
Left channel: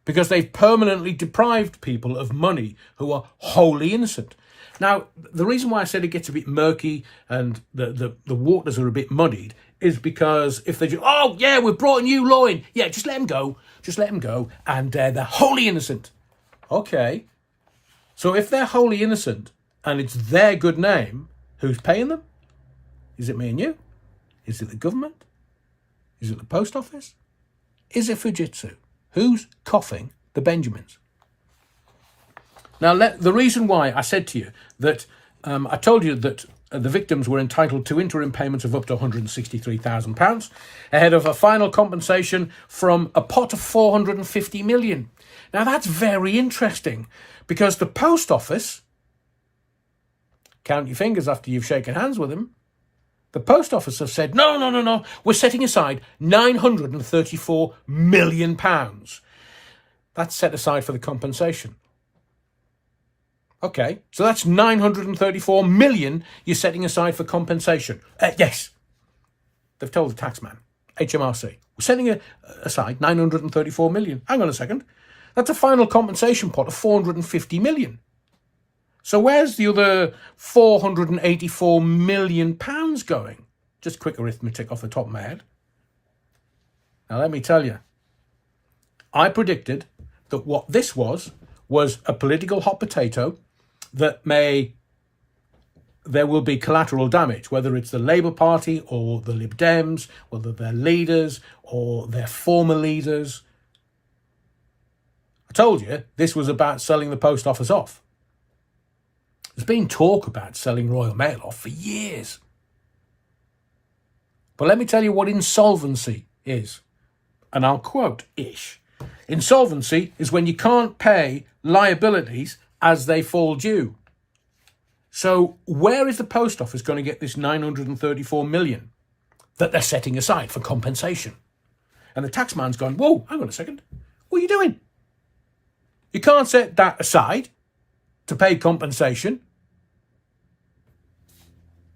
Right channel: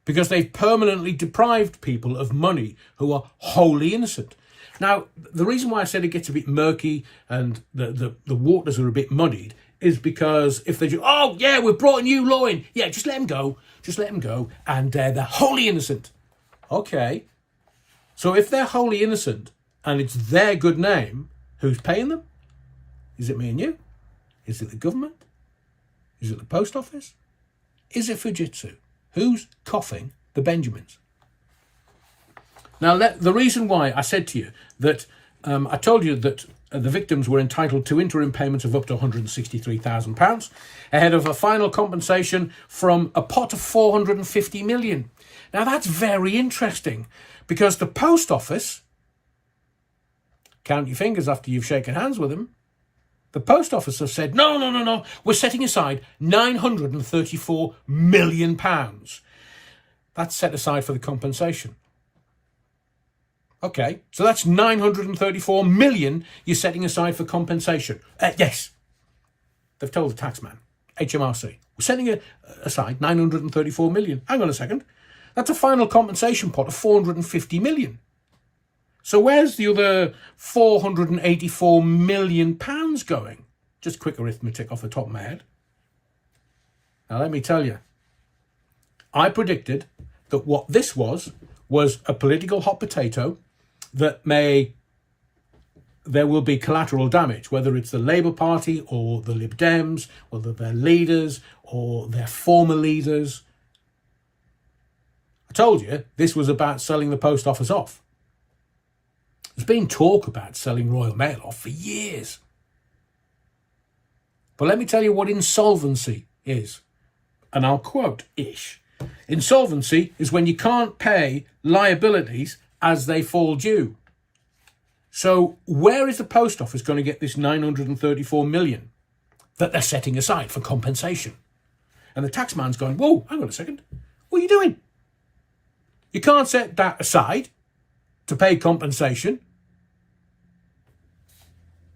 Because they've permanently deprived people of money who are wholly innocent. Now, the reason why I said it gets a bit murky and the waters are a bit muddied is because if they do, oh, yeah, we've brought a new law in. Yeah, just let them go. Just let them go. And they're wholly innocent. Okay. So if they're wholly innocent and it's their good name, who's paying them? Is it me and you? Is it the government? Is it the post office? Is it Fujitsu? Who's coughing the Benjamins. Now, the reason why I said to you that I told you that the victims were entitled to interim payments of up to £163,000 ahead of a final compensation from a pot of 450 million. Now, that's very interesting because the Post Office, count your fingers after you've shaken hands with them, the Post Office have said, no, we're setting aside £934 million. That's set aside for the compensation. Okay, so that's 934 million you're setting aside for compensation. Yes, they've told the taxman, HMRC, we're setting aside 934 million. Hang on a second. That's a final compensation pot of 450 million. So where's the other 484 million pounds going? Just quick arithmetic off the top of my head. Now, let me tell you, I predicted that what this was a political hot potato that there will be collateral damage, whether it's the Labour Party or the Lib Dems, whether they're leaders or their former leaders. I told you this was about selling the Post Office off. There's been talk about selling Royal Mail off for years. But let me tell you what insolvency is. And I'll quote ish. Insolvency is when you can't pay liabilities as they fall due. So where is the Post Office going to get this 934 million that they're setting aside for compensation? And the taxman's going, whoa, hang on a second. What are you doing? You can't set that aside to pay compensation.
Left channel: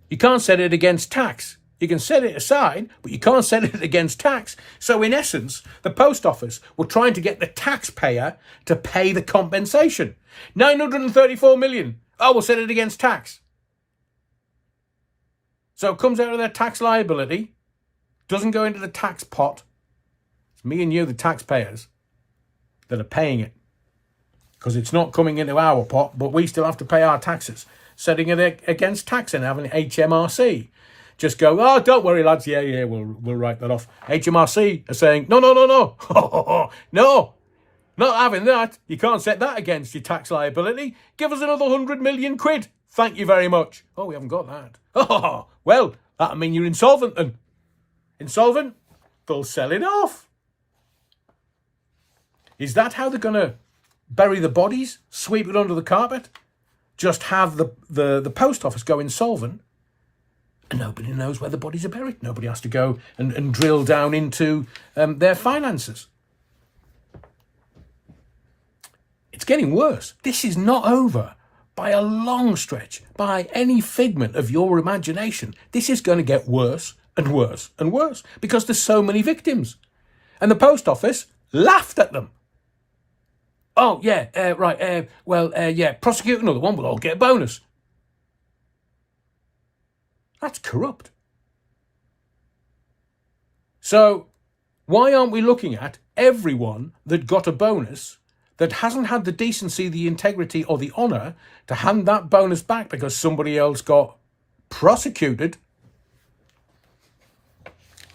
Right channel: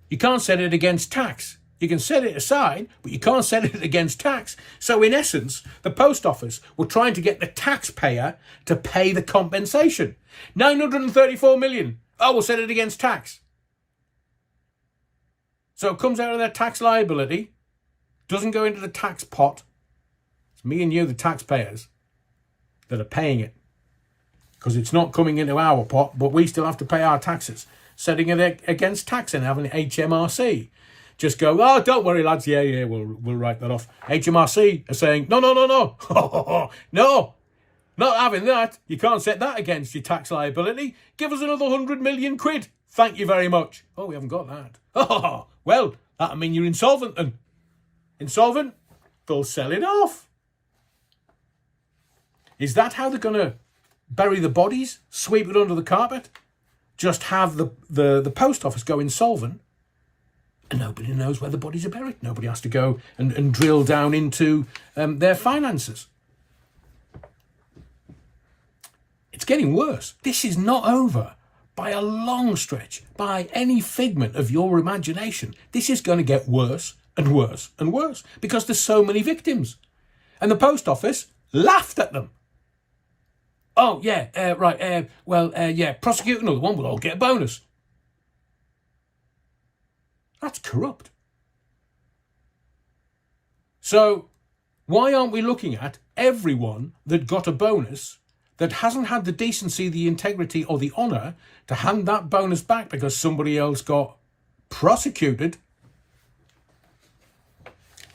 You can't set it against tax. You can set it aside, but you can't set it against tax. So in essence, the Post Office were trying to get the taxpayer to pay the compensation. 934 million. Oh, we'll set it against tax. So it comes out of their tax liability, doesn't go into the tax pot. It's me and you, the taxpayers, that are paying it. Because it's not coming into our pot, but we still have to pay our taxes. Setting it against tax and having HMRC just go, oh, don't worry, lads. Yeah, we'll write that off. HMRC are saying, no. No, not having that. You can't set that against your tax liability. Give us another 100 million quid. Thank you very much. Oh, we haven't got that. Oh, well, that'll mean you're insolvent then. Insolvent? They'll sell it off. Is that how they're going to bury the bodies? Sweep it under the carpet? Just have the Post Office go insolvent? And nobody knows where the bodies are buried. Nobody has to go and drill down into their finances. It's getting worse. This is not over by a long stretch, by any figment of your imagination. This is going to get worse and worse and worse because there's so many victims. And the Post Office laughed at them. Oh, yeah, right. Prosecute another one. We'll all get a bonus. That's corrupt. So why aren't we looking at everyone that got a bonus that hasn't had the decency, the integrity or the honour to hand that bonus back because somebody else got prosecuted?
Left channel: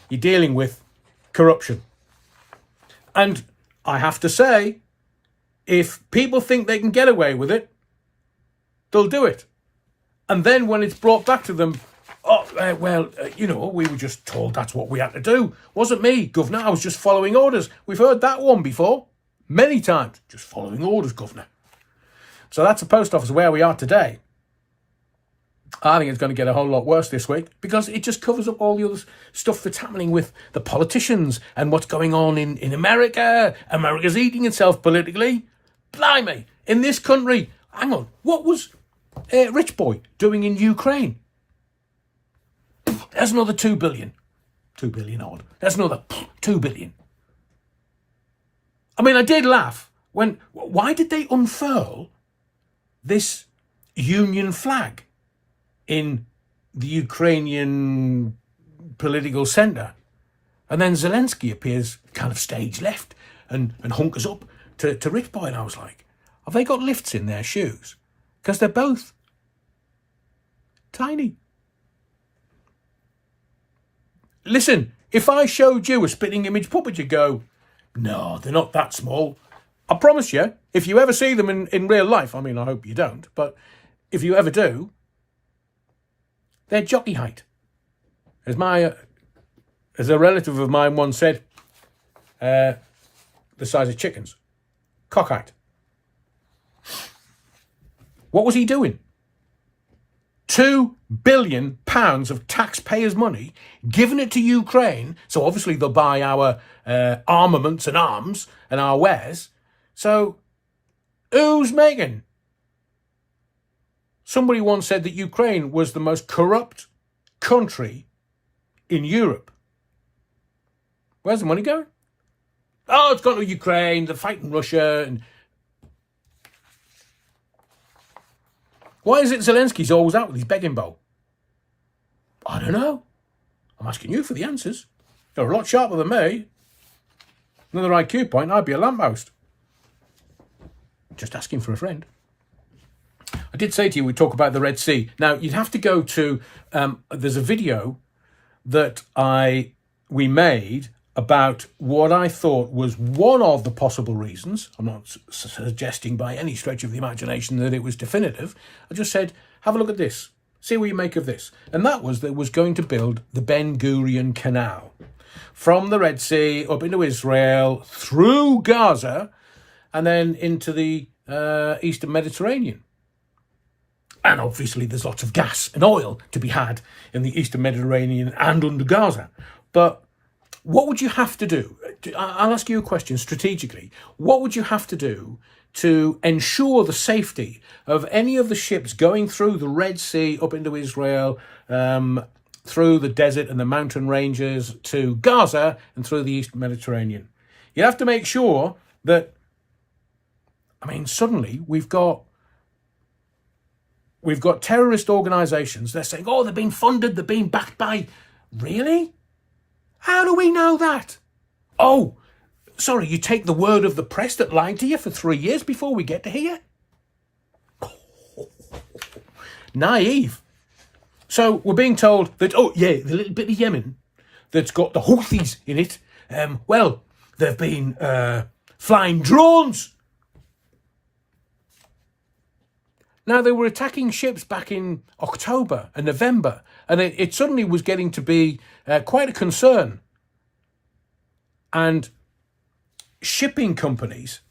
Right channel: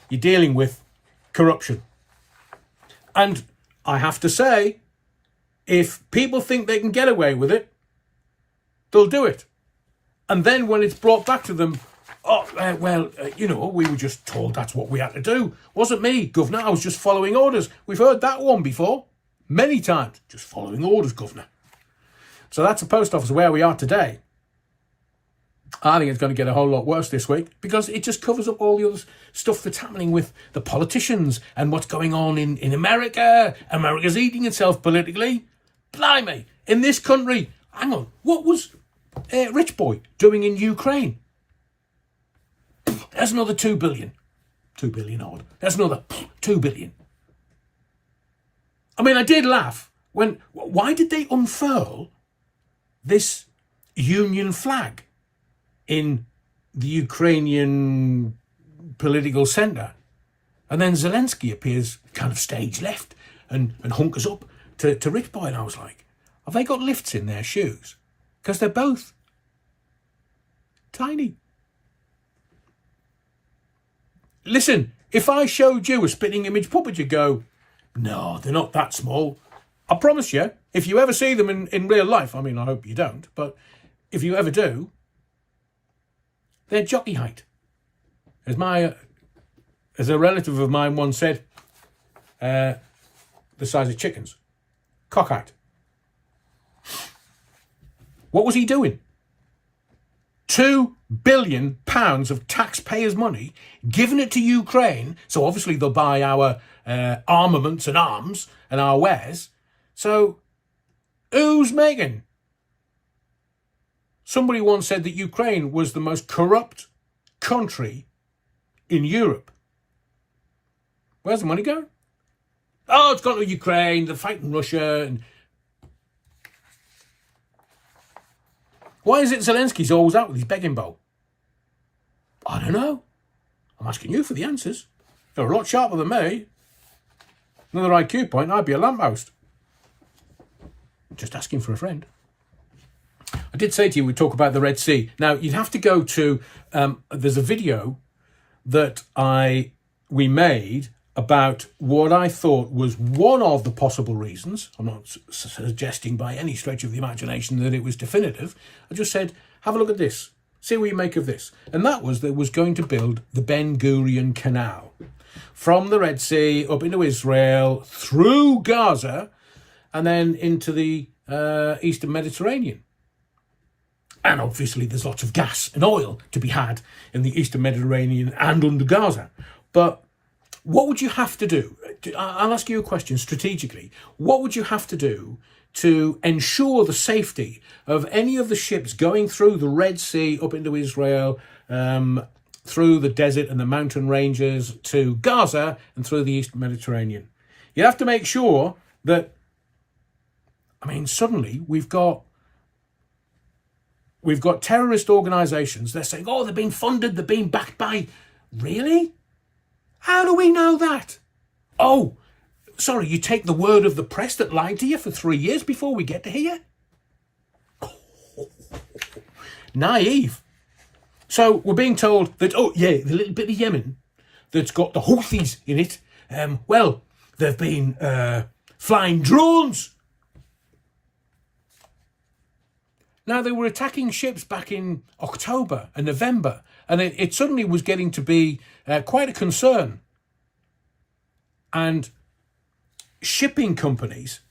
You're dealing with corruption. And I have to say, if people think they can get away with it, they'll do it. And then when it's brought back to them, we were just told that's what we had to do. Wasn't me, Governor. I was just following orders. We've heard that one before. Many times. Just following orders, Governor. So that's the Post Office where we are today. I think it's going to get a whole lot worse this week because it just covers up all the other stuff that's happening with the politicians and what's going on in America. America's eating itself politically. Blimey. In this country, hang on, what was Rich Boy doing in Ukraine? There's another 2 billion. 2 billion odd. There's another 2 billion. I mean, I did laugh when, why did they unfurl this Union flag in the Ukrainian political centre? And then Zelensky appears kind of stage left and hunkers up to Rich Boy. And I was like, have they got lifts in their shoes? Because they're both tiny. Listen, if I showed you a spitting image puppet, you'd go, no, they're not that small. I promise you, if you ever see them in real life, I mean, I hope you don't, but if you ever do, they're jockey height. As a relative of mine once said, the size of chickens. Cock height. What was he doing? £2 billion of taxpayers' money, giving it to Ukraine. So obviously they'll buy our armaments and arms and our wares. So who's making? Somebody once said that Ukraine was the most corrupt country in Europe. Where's the money going? Oh, it's gone to Ukraine, they're fighting Russia. And why is it Zelensky's always out with his begging bowl? I don't know. I'm asking you for the answers. You're a lot sharper than me. Another IQ point, I'd be a lamppost. Just asking for a friend. I did say to you, we talk about the Red Sea. Now, you'd have to go to, there's a video that we made about what I thought was one of the possible reasons. I'm not suggesting by any stretch of the imagination that it was definitive. I just said, have a look at this. See what you make of this. And that was that was going to build the Ben Gurion Canal from the Red Sea up into Israel, through Gaza, and then into the Eastern Mediterranean. And obviously there's lots of gas and oil to be had in the Eastern Mediterranean and under Gaza. But what would you have to do? I'll ask you a question strategically. What would you have to do to ensure the safety of any of the ships going through the Red Sea up into Israel, through the desert and the mountain ranges to Gaza and through the Eastern Mediterranean? You have to make sure that, I mean, suddenly we've got terrorist organisations. They're saying, oh, they're being funded, they're being backed by... Really? How do we know that? Oh, sorry, you take the word of the press that lied to you for 3 years before we get to here? Naive. So we're being told that, oh, yeah, the little bit of Yemen that's got the Houthis in it, well, they've been flying drones. Now, they were attacking ships back in October and November, and it suddenly was getting to be quite a concern. And shipping companies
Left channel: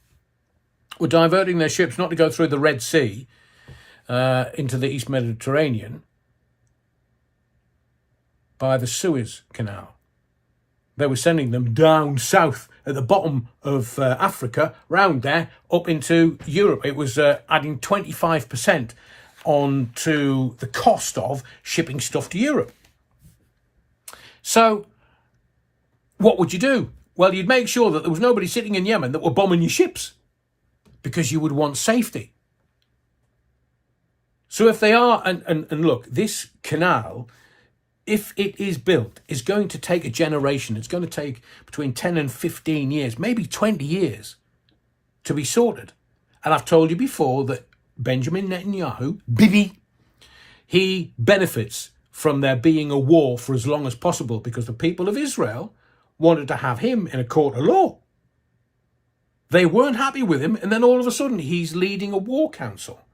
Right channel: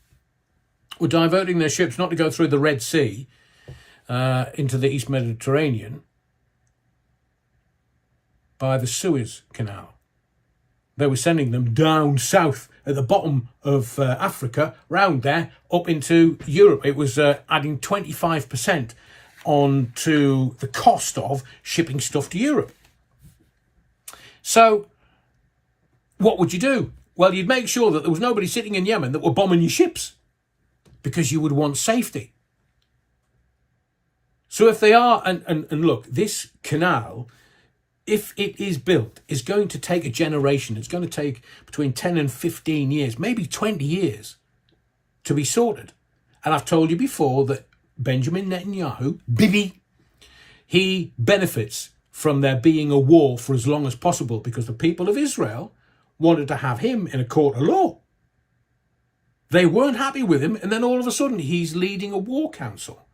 were diverting their ships not to go through the Red Sea into the East Mediterranean by the Suez Canal. They were sending them down south at the bottom of Africa, round there, up into Europe. It was adding 25% on to the cost of shipping stuff to Europe. So what would you do? Well, you'd make sure that there was nobody sitting in Yemen that were bombing your ships, because you would want safety. So if they are, and look, this canal, if it is built, is going to take a generation. It's going to take between 10 and 15 years, maybe 20 years to be sorted. And I've told you before that Benjamin Netanyahu, Bibi, he benefits from there being a war for as long as possible, because the people of Israel wanted to have him in a court of law. They weren't happy with him, and then all of a sudden he's leading a war council.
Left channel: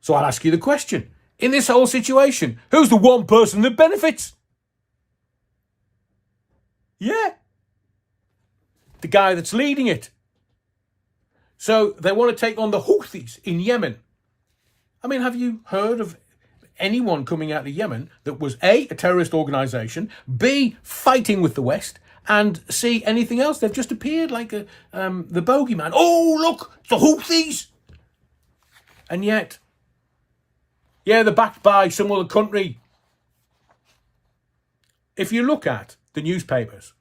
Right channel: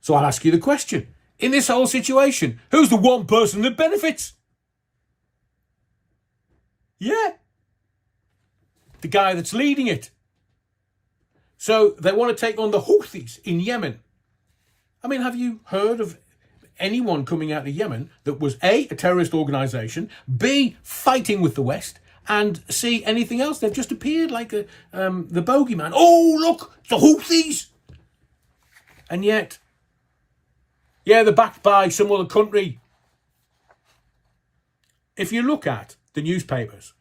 So I'll ask you the question. In this whole situation, who's the one person that benefits? Yeah. The guy that's leading it. So they want to take on the Houthis in Yemen. I mean, have you heard of anyone coming out of Yemen that was A, a terrorist organisation, B, fighting with the West, and C, anything else? They've just appeared like the bogeyman. Oh, look, the Houthis! And yet, yeah, they're backed by some other country. If you look at the newspapers,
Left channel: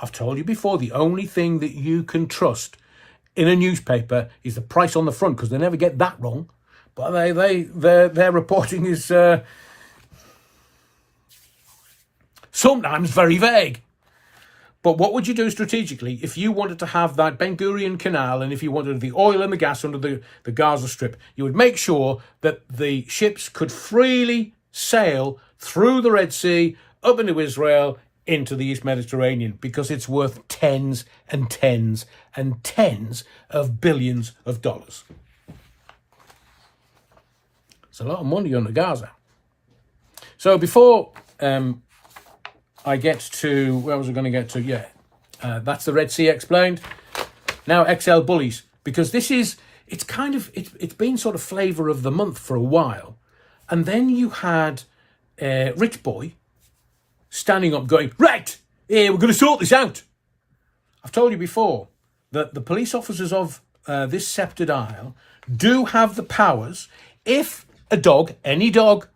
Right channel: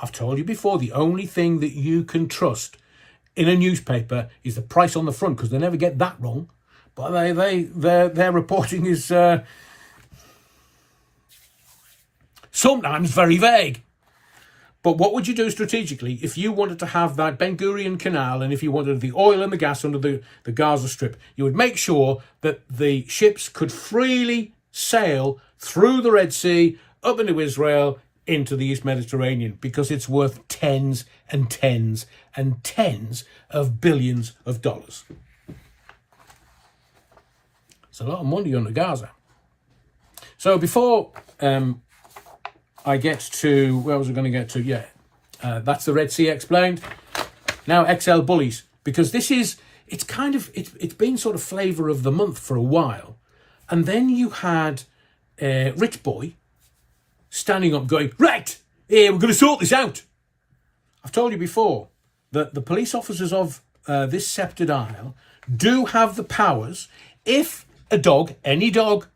I've told you before, the only thing that you can trust in a newspaper is the price on the front, because they never get that wrong. But their reporting is sometimes very vague. But what would you do strategically if you wanted to have that Ben Gurion Canal, and if you wanted the oil and the gas under the Gaza Strip? You would make sure that the ships could freely sail through the Red Sea, up into Israel, into the East Mediterranean because it's worth tens and tens and tens of billions of dollars. It's a lot of money under Gaza. So before I get to, where was I going to get to? Yeah, that's the Red Sea explained. Now XL bullies, because this is, it's been sort of flavour of the month for a while. And then you had Rich Boy standing up going, right, we're going to sort this out. I've told you before that the police officers of this sceptred isle do have the powers. If a dog, any dog,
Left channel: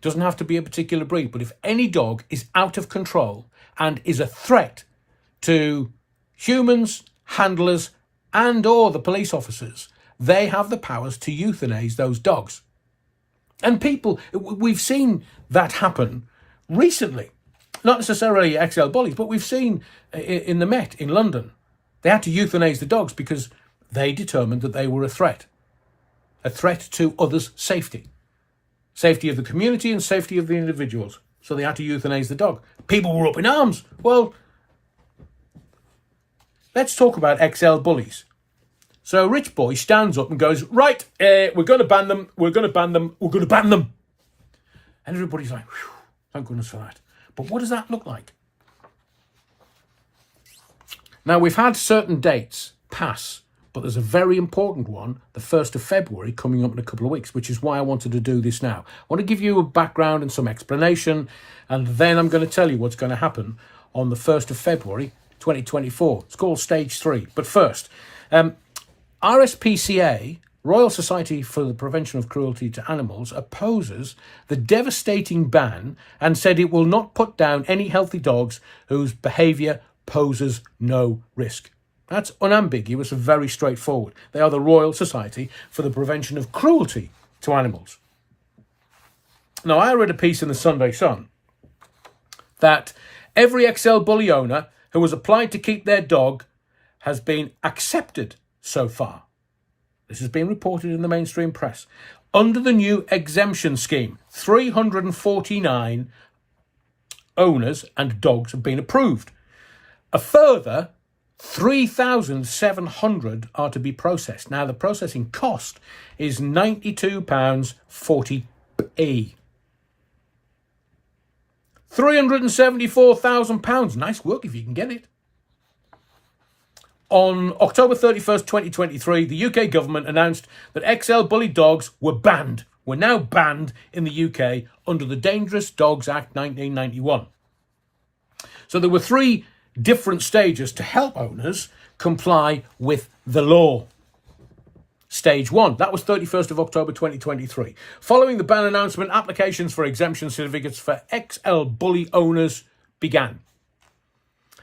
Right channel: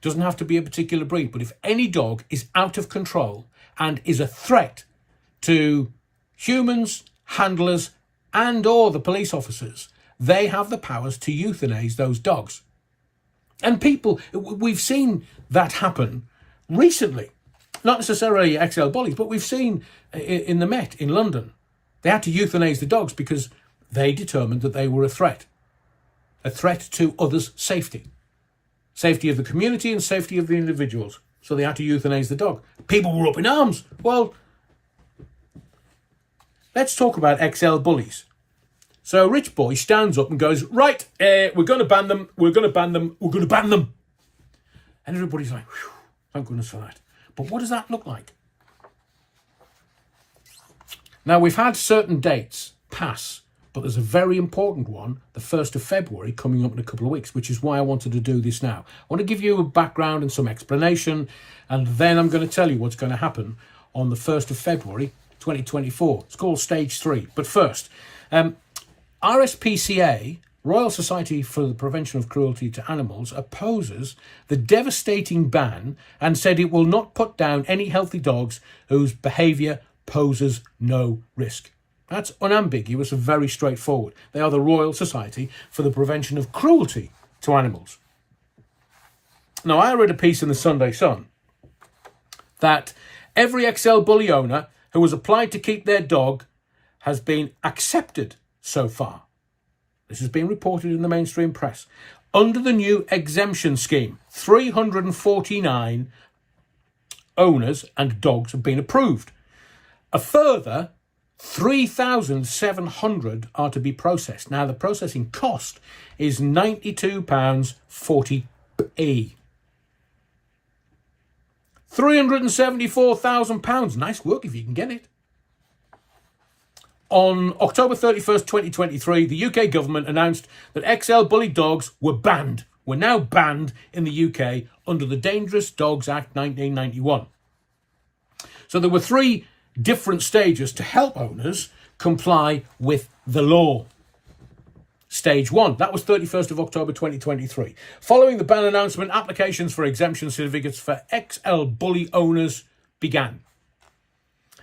doesn't have to be a particular breed, but if any dog is out of control and is a threat to humans, handlers, and or the police officers, they have the powers to euthanize those dogs. And people, we've seen that happen recently. Not necessarily XL bullies, but we've seen in the Met in London, they had to euthanize the dogs because they determined that they were a threat to others' safety. Safety of the community and safety of the individuals. So they had to euthanize the dog. People were up in arms. Well, let's talk about XL bullies. So Rich Boy stands up and goes, right, we're going to ban them, we're going to ban them, we're going to ban them. And everybody's like, whew, thank goodness for that. But what does that look like? Now, we've had certain dates pass, but there's a very important one, the 1st of February, coming up in a couple of weeks, which is why I wanted to do this now. I want to give you a background and some explanation, and then I'm going to tell you what's going to happen on the 1st of February, 2024. It's called Stage 3. But first, RSPCA, Royal Society for the Prevention of Cruelty to Animals, opposes the devastating ban and said it will not put down any healthy dogs whose behaviour poses no risk. That's unambiguous and very straightforward. They are the Royal Society for the Prevention of Cruelty to Animals. Now, I read a piece in the Sunday Sun that every XL bully owner who has applied to keep their dog has been accepted so far. This has been reported in the mainstream press. Under the new exemption scheme, 349 owners and dogs have been approved. A further 3,700 are to be processed. Now, the processing cost is £92.40. £374,000. Nice work if you can get it. On October 31st, 2023, the UK government announced that XL bully dogs were banned. Were now banned in the UK under the Dangerous Dogs Act 1991. So there were 3 different stages to help owners comply with the law. Stage 1, that was 31st of October 2023. Following the ban announcement, applications for exemption certificates for XL bully owners began.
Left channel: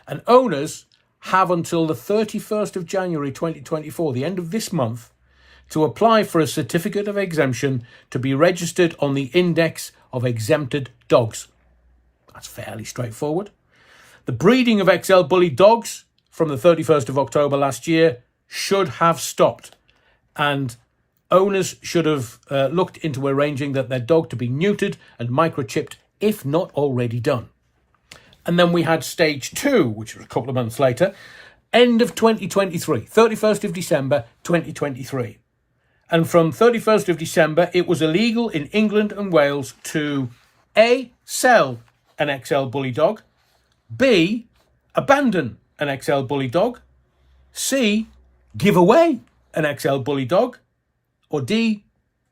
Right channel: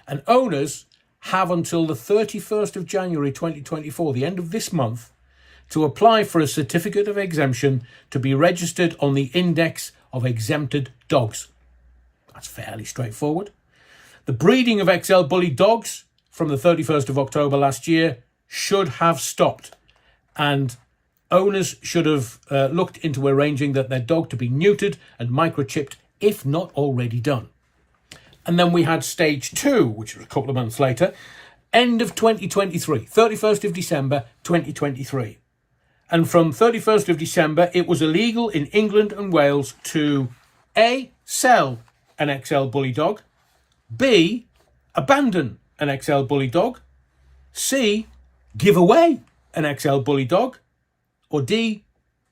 And owners have until the 31st of January 2024, the end of this month, to apply for a certificate of exemption to be registered on the index of exempted dogs. That's fairly straightforward. The breeding of XL bully dogs from the 31st of October last year should have stopped, and owners should have looked into arranging that their dog to be neutered and microchipped if not already done. And then we had stage 2, which was a couple of months later, end of 2023, 31st of December 2023. And from 31st of December, it was illegal in England and Wales to A, sell an XL bully dog, B, abandon an XL bully dog, C, give away an XL bully dog, or D,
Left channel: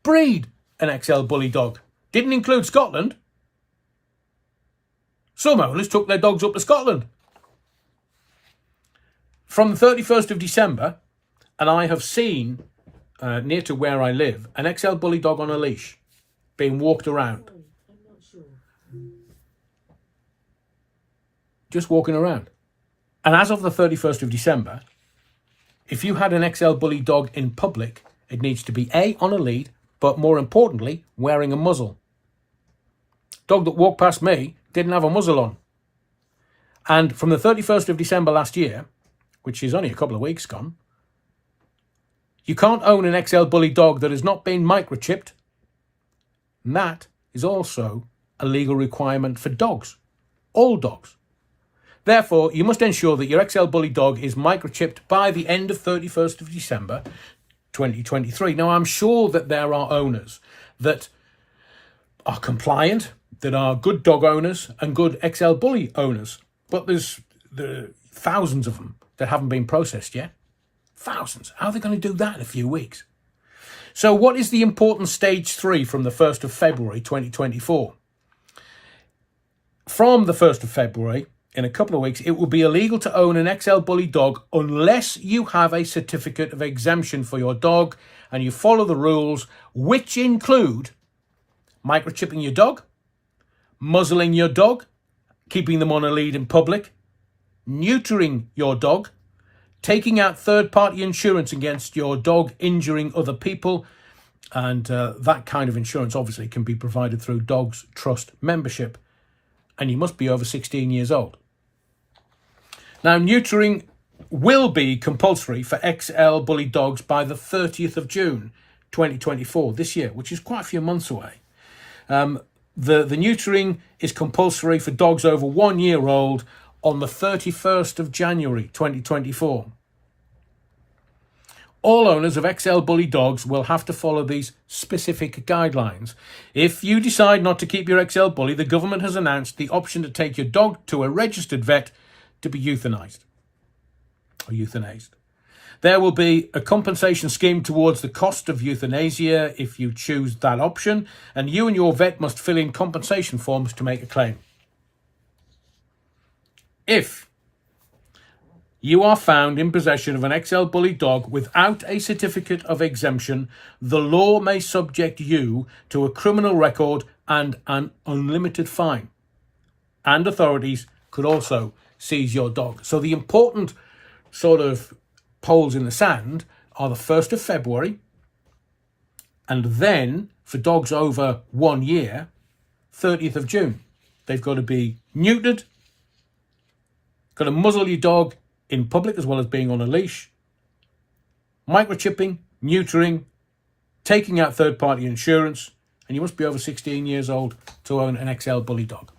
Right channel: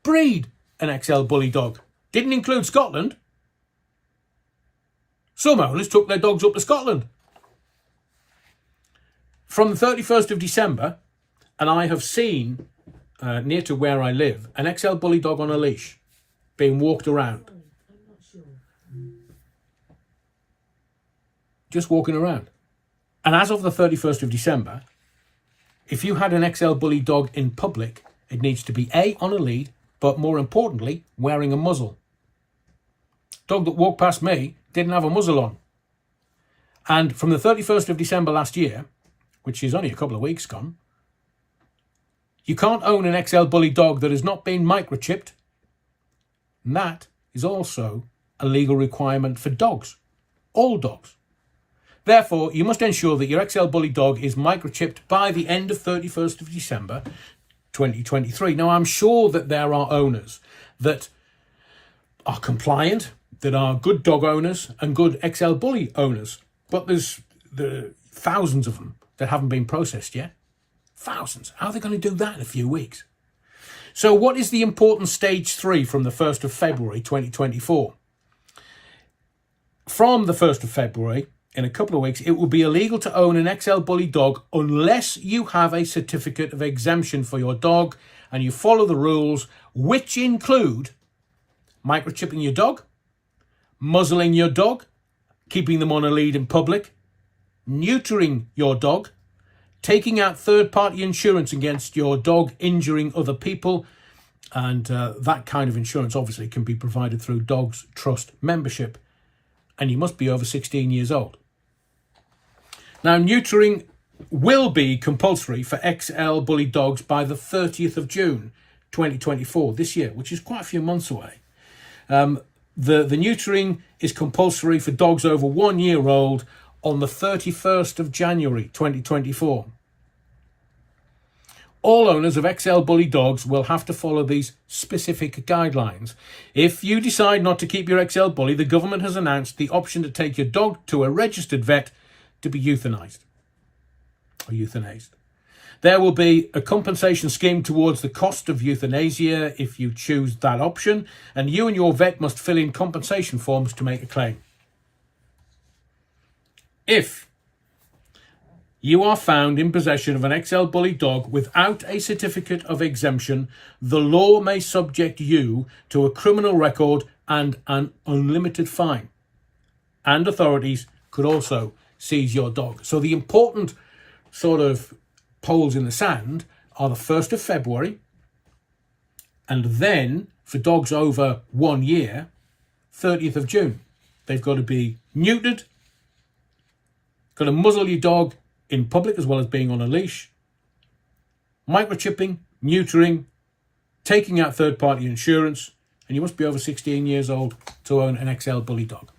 breed an XL bully dog. Didn't include Scotland. Some owners took their dogs up to Scotland. From the 31st of December, and I have seen, near to where I live, an XL bully dog on a leash being walked around. Just walking around. And as of the 31st of December, if you had an XL bully dog in public, it needs to be A, on a lead, but more importantly, wearing a muzzle. Dog that walked past me didn't have a muzzle on. And from the 31st of December last year, which is only a couple of weeks gone, you can't own an XL bully dog that has not been microchipped. And that is also a legal requirement for dogs. All dogs. Therefore, you must ensure that your XL Bully dog is microchipped by the end of 31st of December 2023. Now, I'm sure that there are owners that are compliant, that are good dog owners and good XL Bully owners, but there's thousands of them that haven't been processed yet. Thousands. How are they going to do that in a few weeks? So what is the important stage 3 from the 1st of February 2024? From the 1st of February, in a couple of weeks, it will be illegal to own an XL Bully dog unless you have a certificate of exemption for your dog and you follow the rules, which include microchipping your dog, muzzling your dog, keeping them on a lead in public, neutering your dog, taking out third-party insurance against your dog injuring other people, and that kind of insurance obviously can be provided through Dogs Trust membership, and you must be over 16 years old. Now, neutering will be compulsory for XL Bully dogs by the 30th of June 2024, this year, which is quite a few months away. The neutering is compulsory for dogs over 1 year old on the 31st of January 2024. All owners of XL Bully dogs will have to follow these specific guidelines. If you decide not to keep your XL Bully, the government has announced the option to take your dog to a registered vet to be euthanized or euthanized. There will be a compensation scheme towards the cost of euthanasia if you choose that option, and you and your vet must fill in compensation forms to make a claim. If you are found in possession of an XL Bully dog without a certificate of exemption, the law may subject you to a criminal record and an unlimited fine. And authorities could also seize your dog. So the important sort of poles in the sand are the 1st of February, and then for dogs over 1 year, 30th of June. They've got to be neutered, got to muzzle your dog in public as well as being on a leash, microchipping, neutering, taking out third-party insurance, and you must be over 16 years old to own an XL Bully dog.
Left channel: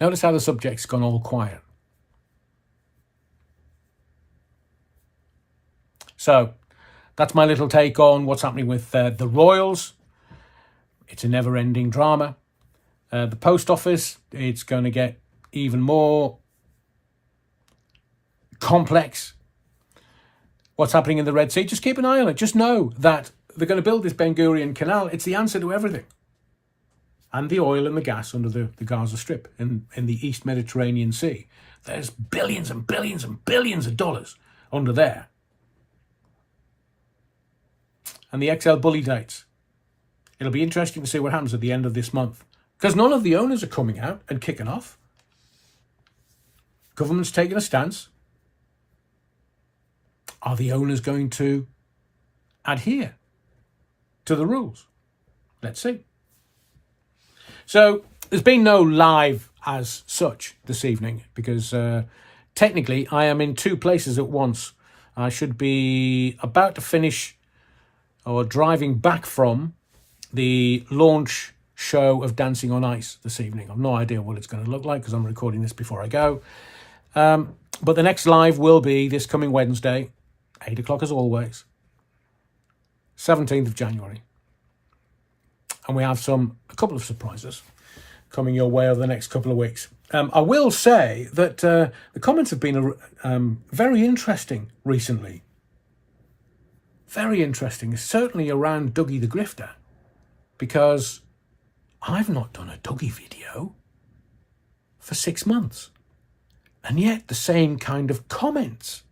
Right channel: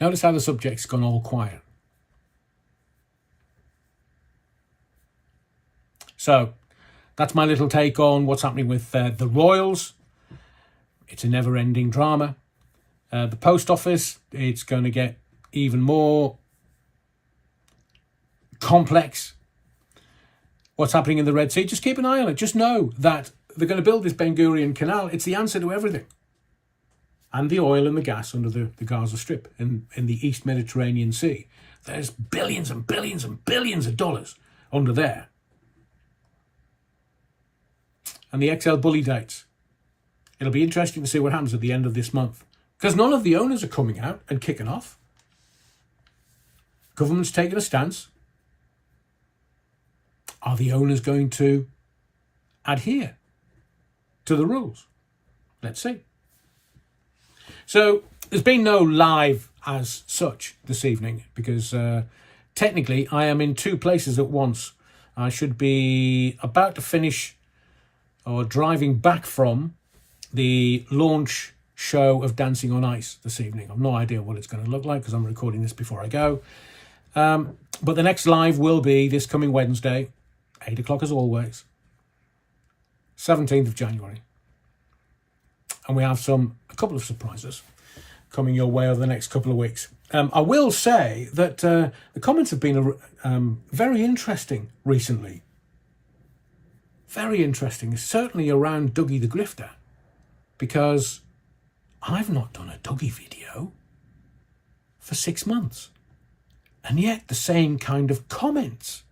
Notice how the subject's gone all quiet. So that's my little take on what's happening with the Royals. It's a never-ending drama. The post office, it's going to get even more complex. What's happening in the Red Sea, just keep an eye on it. Just know that they're going to build this Ben Gurion Canal. It's the answer to everything. And the oil and the gas under the Gaza Strip in the East Mediterranean Sea. There's billions and billions and billions of dollars under there. And the XL Bully dates. It'll be interesting to see what happens at the end of this month. Because none of the owners are coming out and kicking off. Government's taking a stance. Are the owners going to adhere to the rules? Let's see. So there's been no live as such this evening because technically I am in two places at once. I should be about to finish or driving back from the launch show of Dancing on Ice this evening. I've no idea what it's going to look like because I'm recording this before I go. But the next live will be this coming Wednesday, 8 o'clock as always, 17th of January. And we have a couple of surprises coming your way over the next couple of weeks. I will say that the comments have been very interesting recently. Very interesting, certainly around Dougie the Grifter, because I've not done a Dougie video for 6 months. And yet the same kind of comments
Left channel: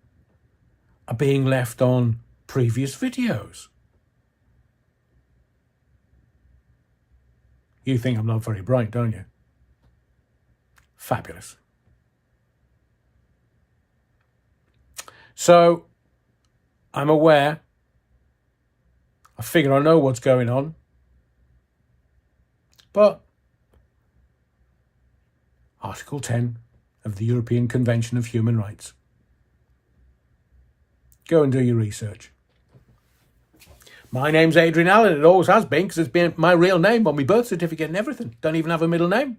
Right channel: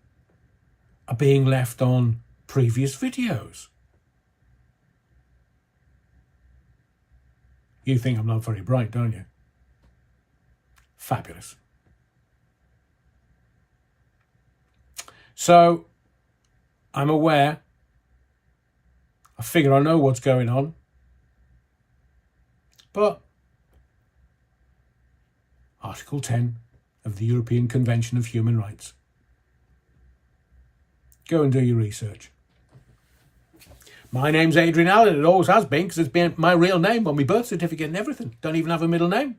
are being left on previous videos. You think I'm not very bright, don't you? Fabulous. So, I'm aware. I figure I know what's going on. But Article 10 of the European Convention of Human Rights. Go and do your research. My name's Adrian Allen. It always has been because it's been my real name on my birth certificate and everything. Don't even have a middle name.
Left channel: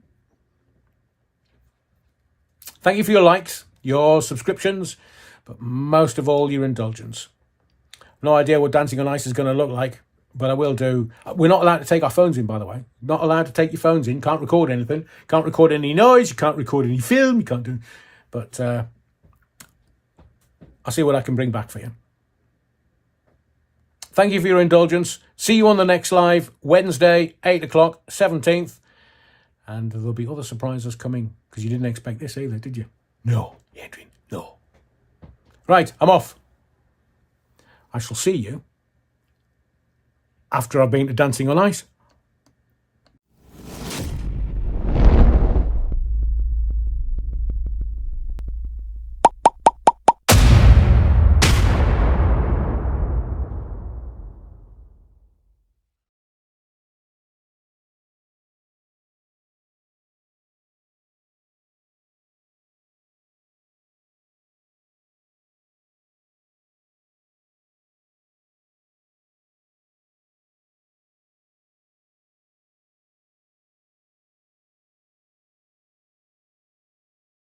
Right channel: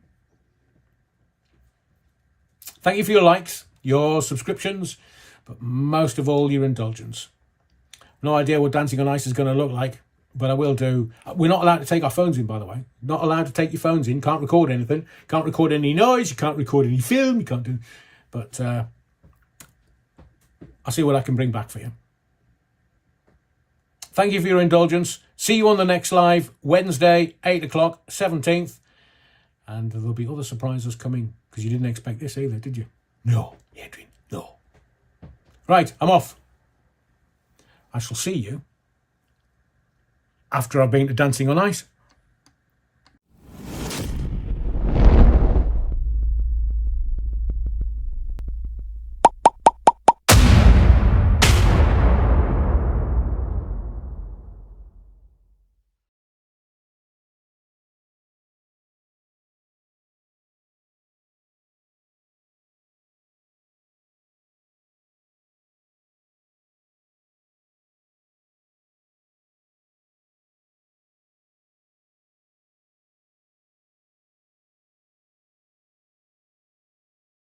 Thank you for your likes, your subscriptions, but most of all, your indulgence. No idea what Dancing on Ice is going to look like, but I will do. We're not allowed to take our phones in, by the way. Not allowed to take your phones in. Can't record anything. Can't record any noise. You can't record any film. You can't do... But I'll see what I can bring back for you. Thank you for your indulgence. See you on the next live, Wednesday, 8 o'clock, 17th. And there'll be other surprises coming, because you didn't expect this either, did you? No, Adrian, no. Right, I'm off. I shall see you after I've been to Dancing on Ice.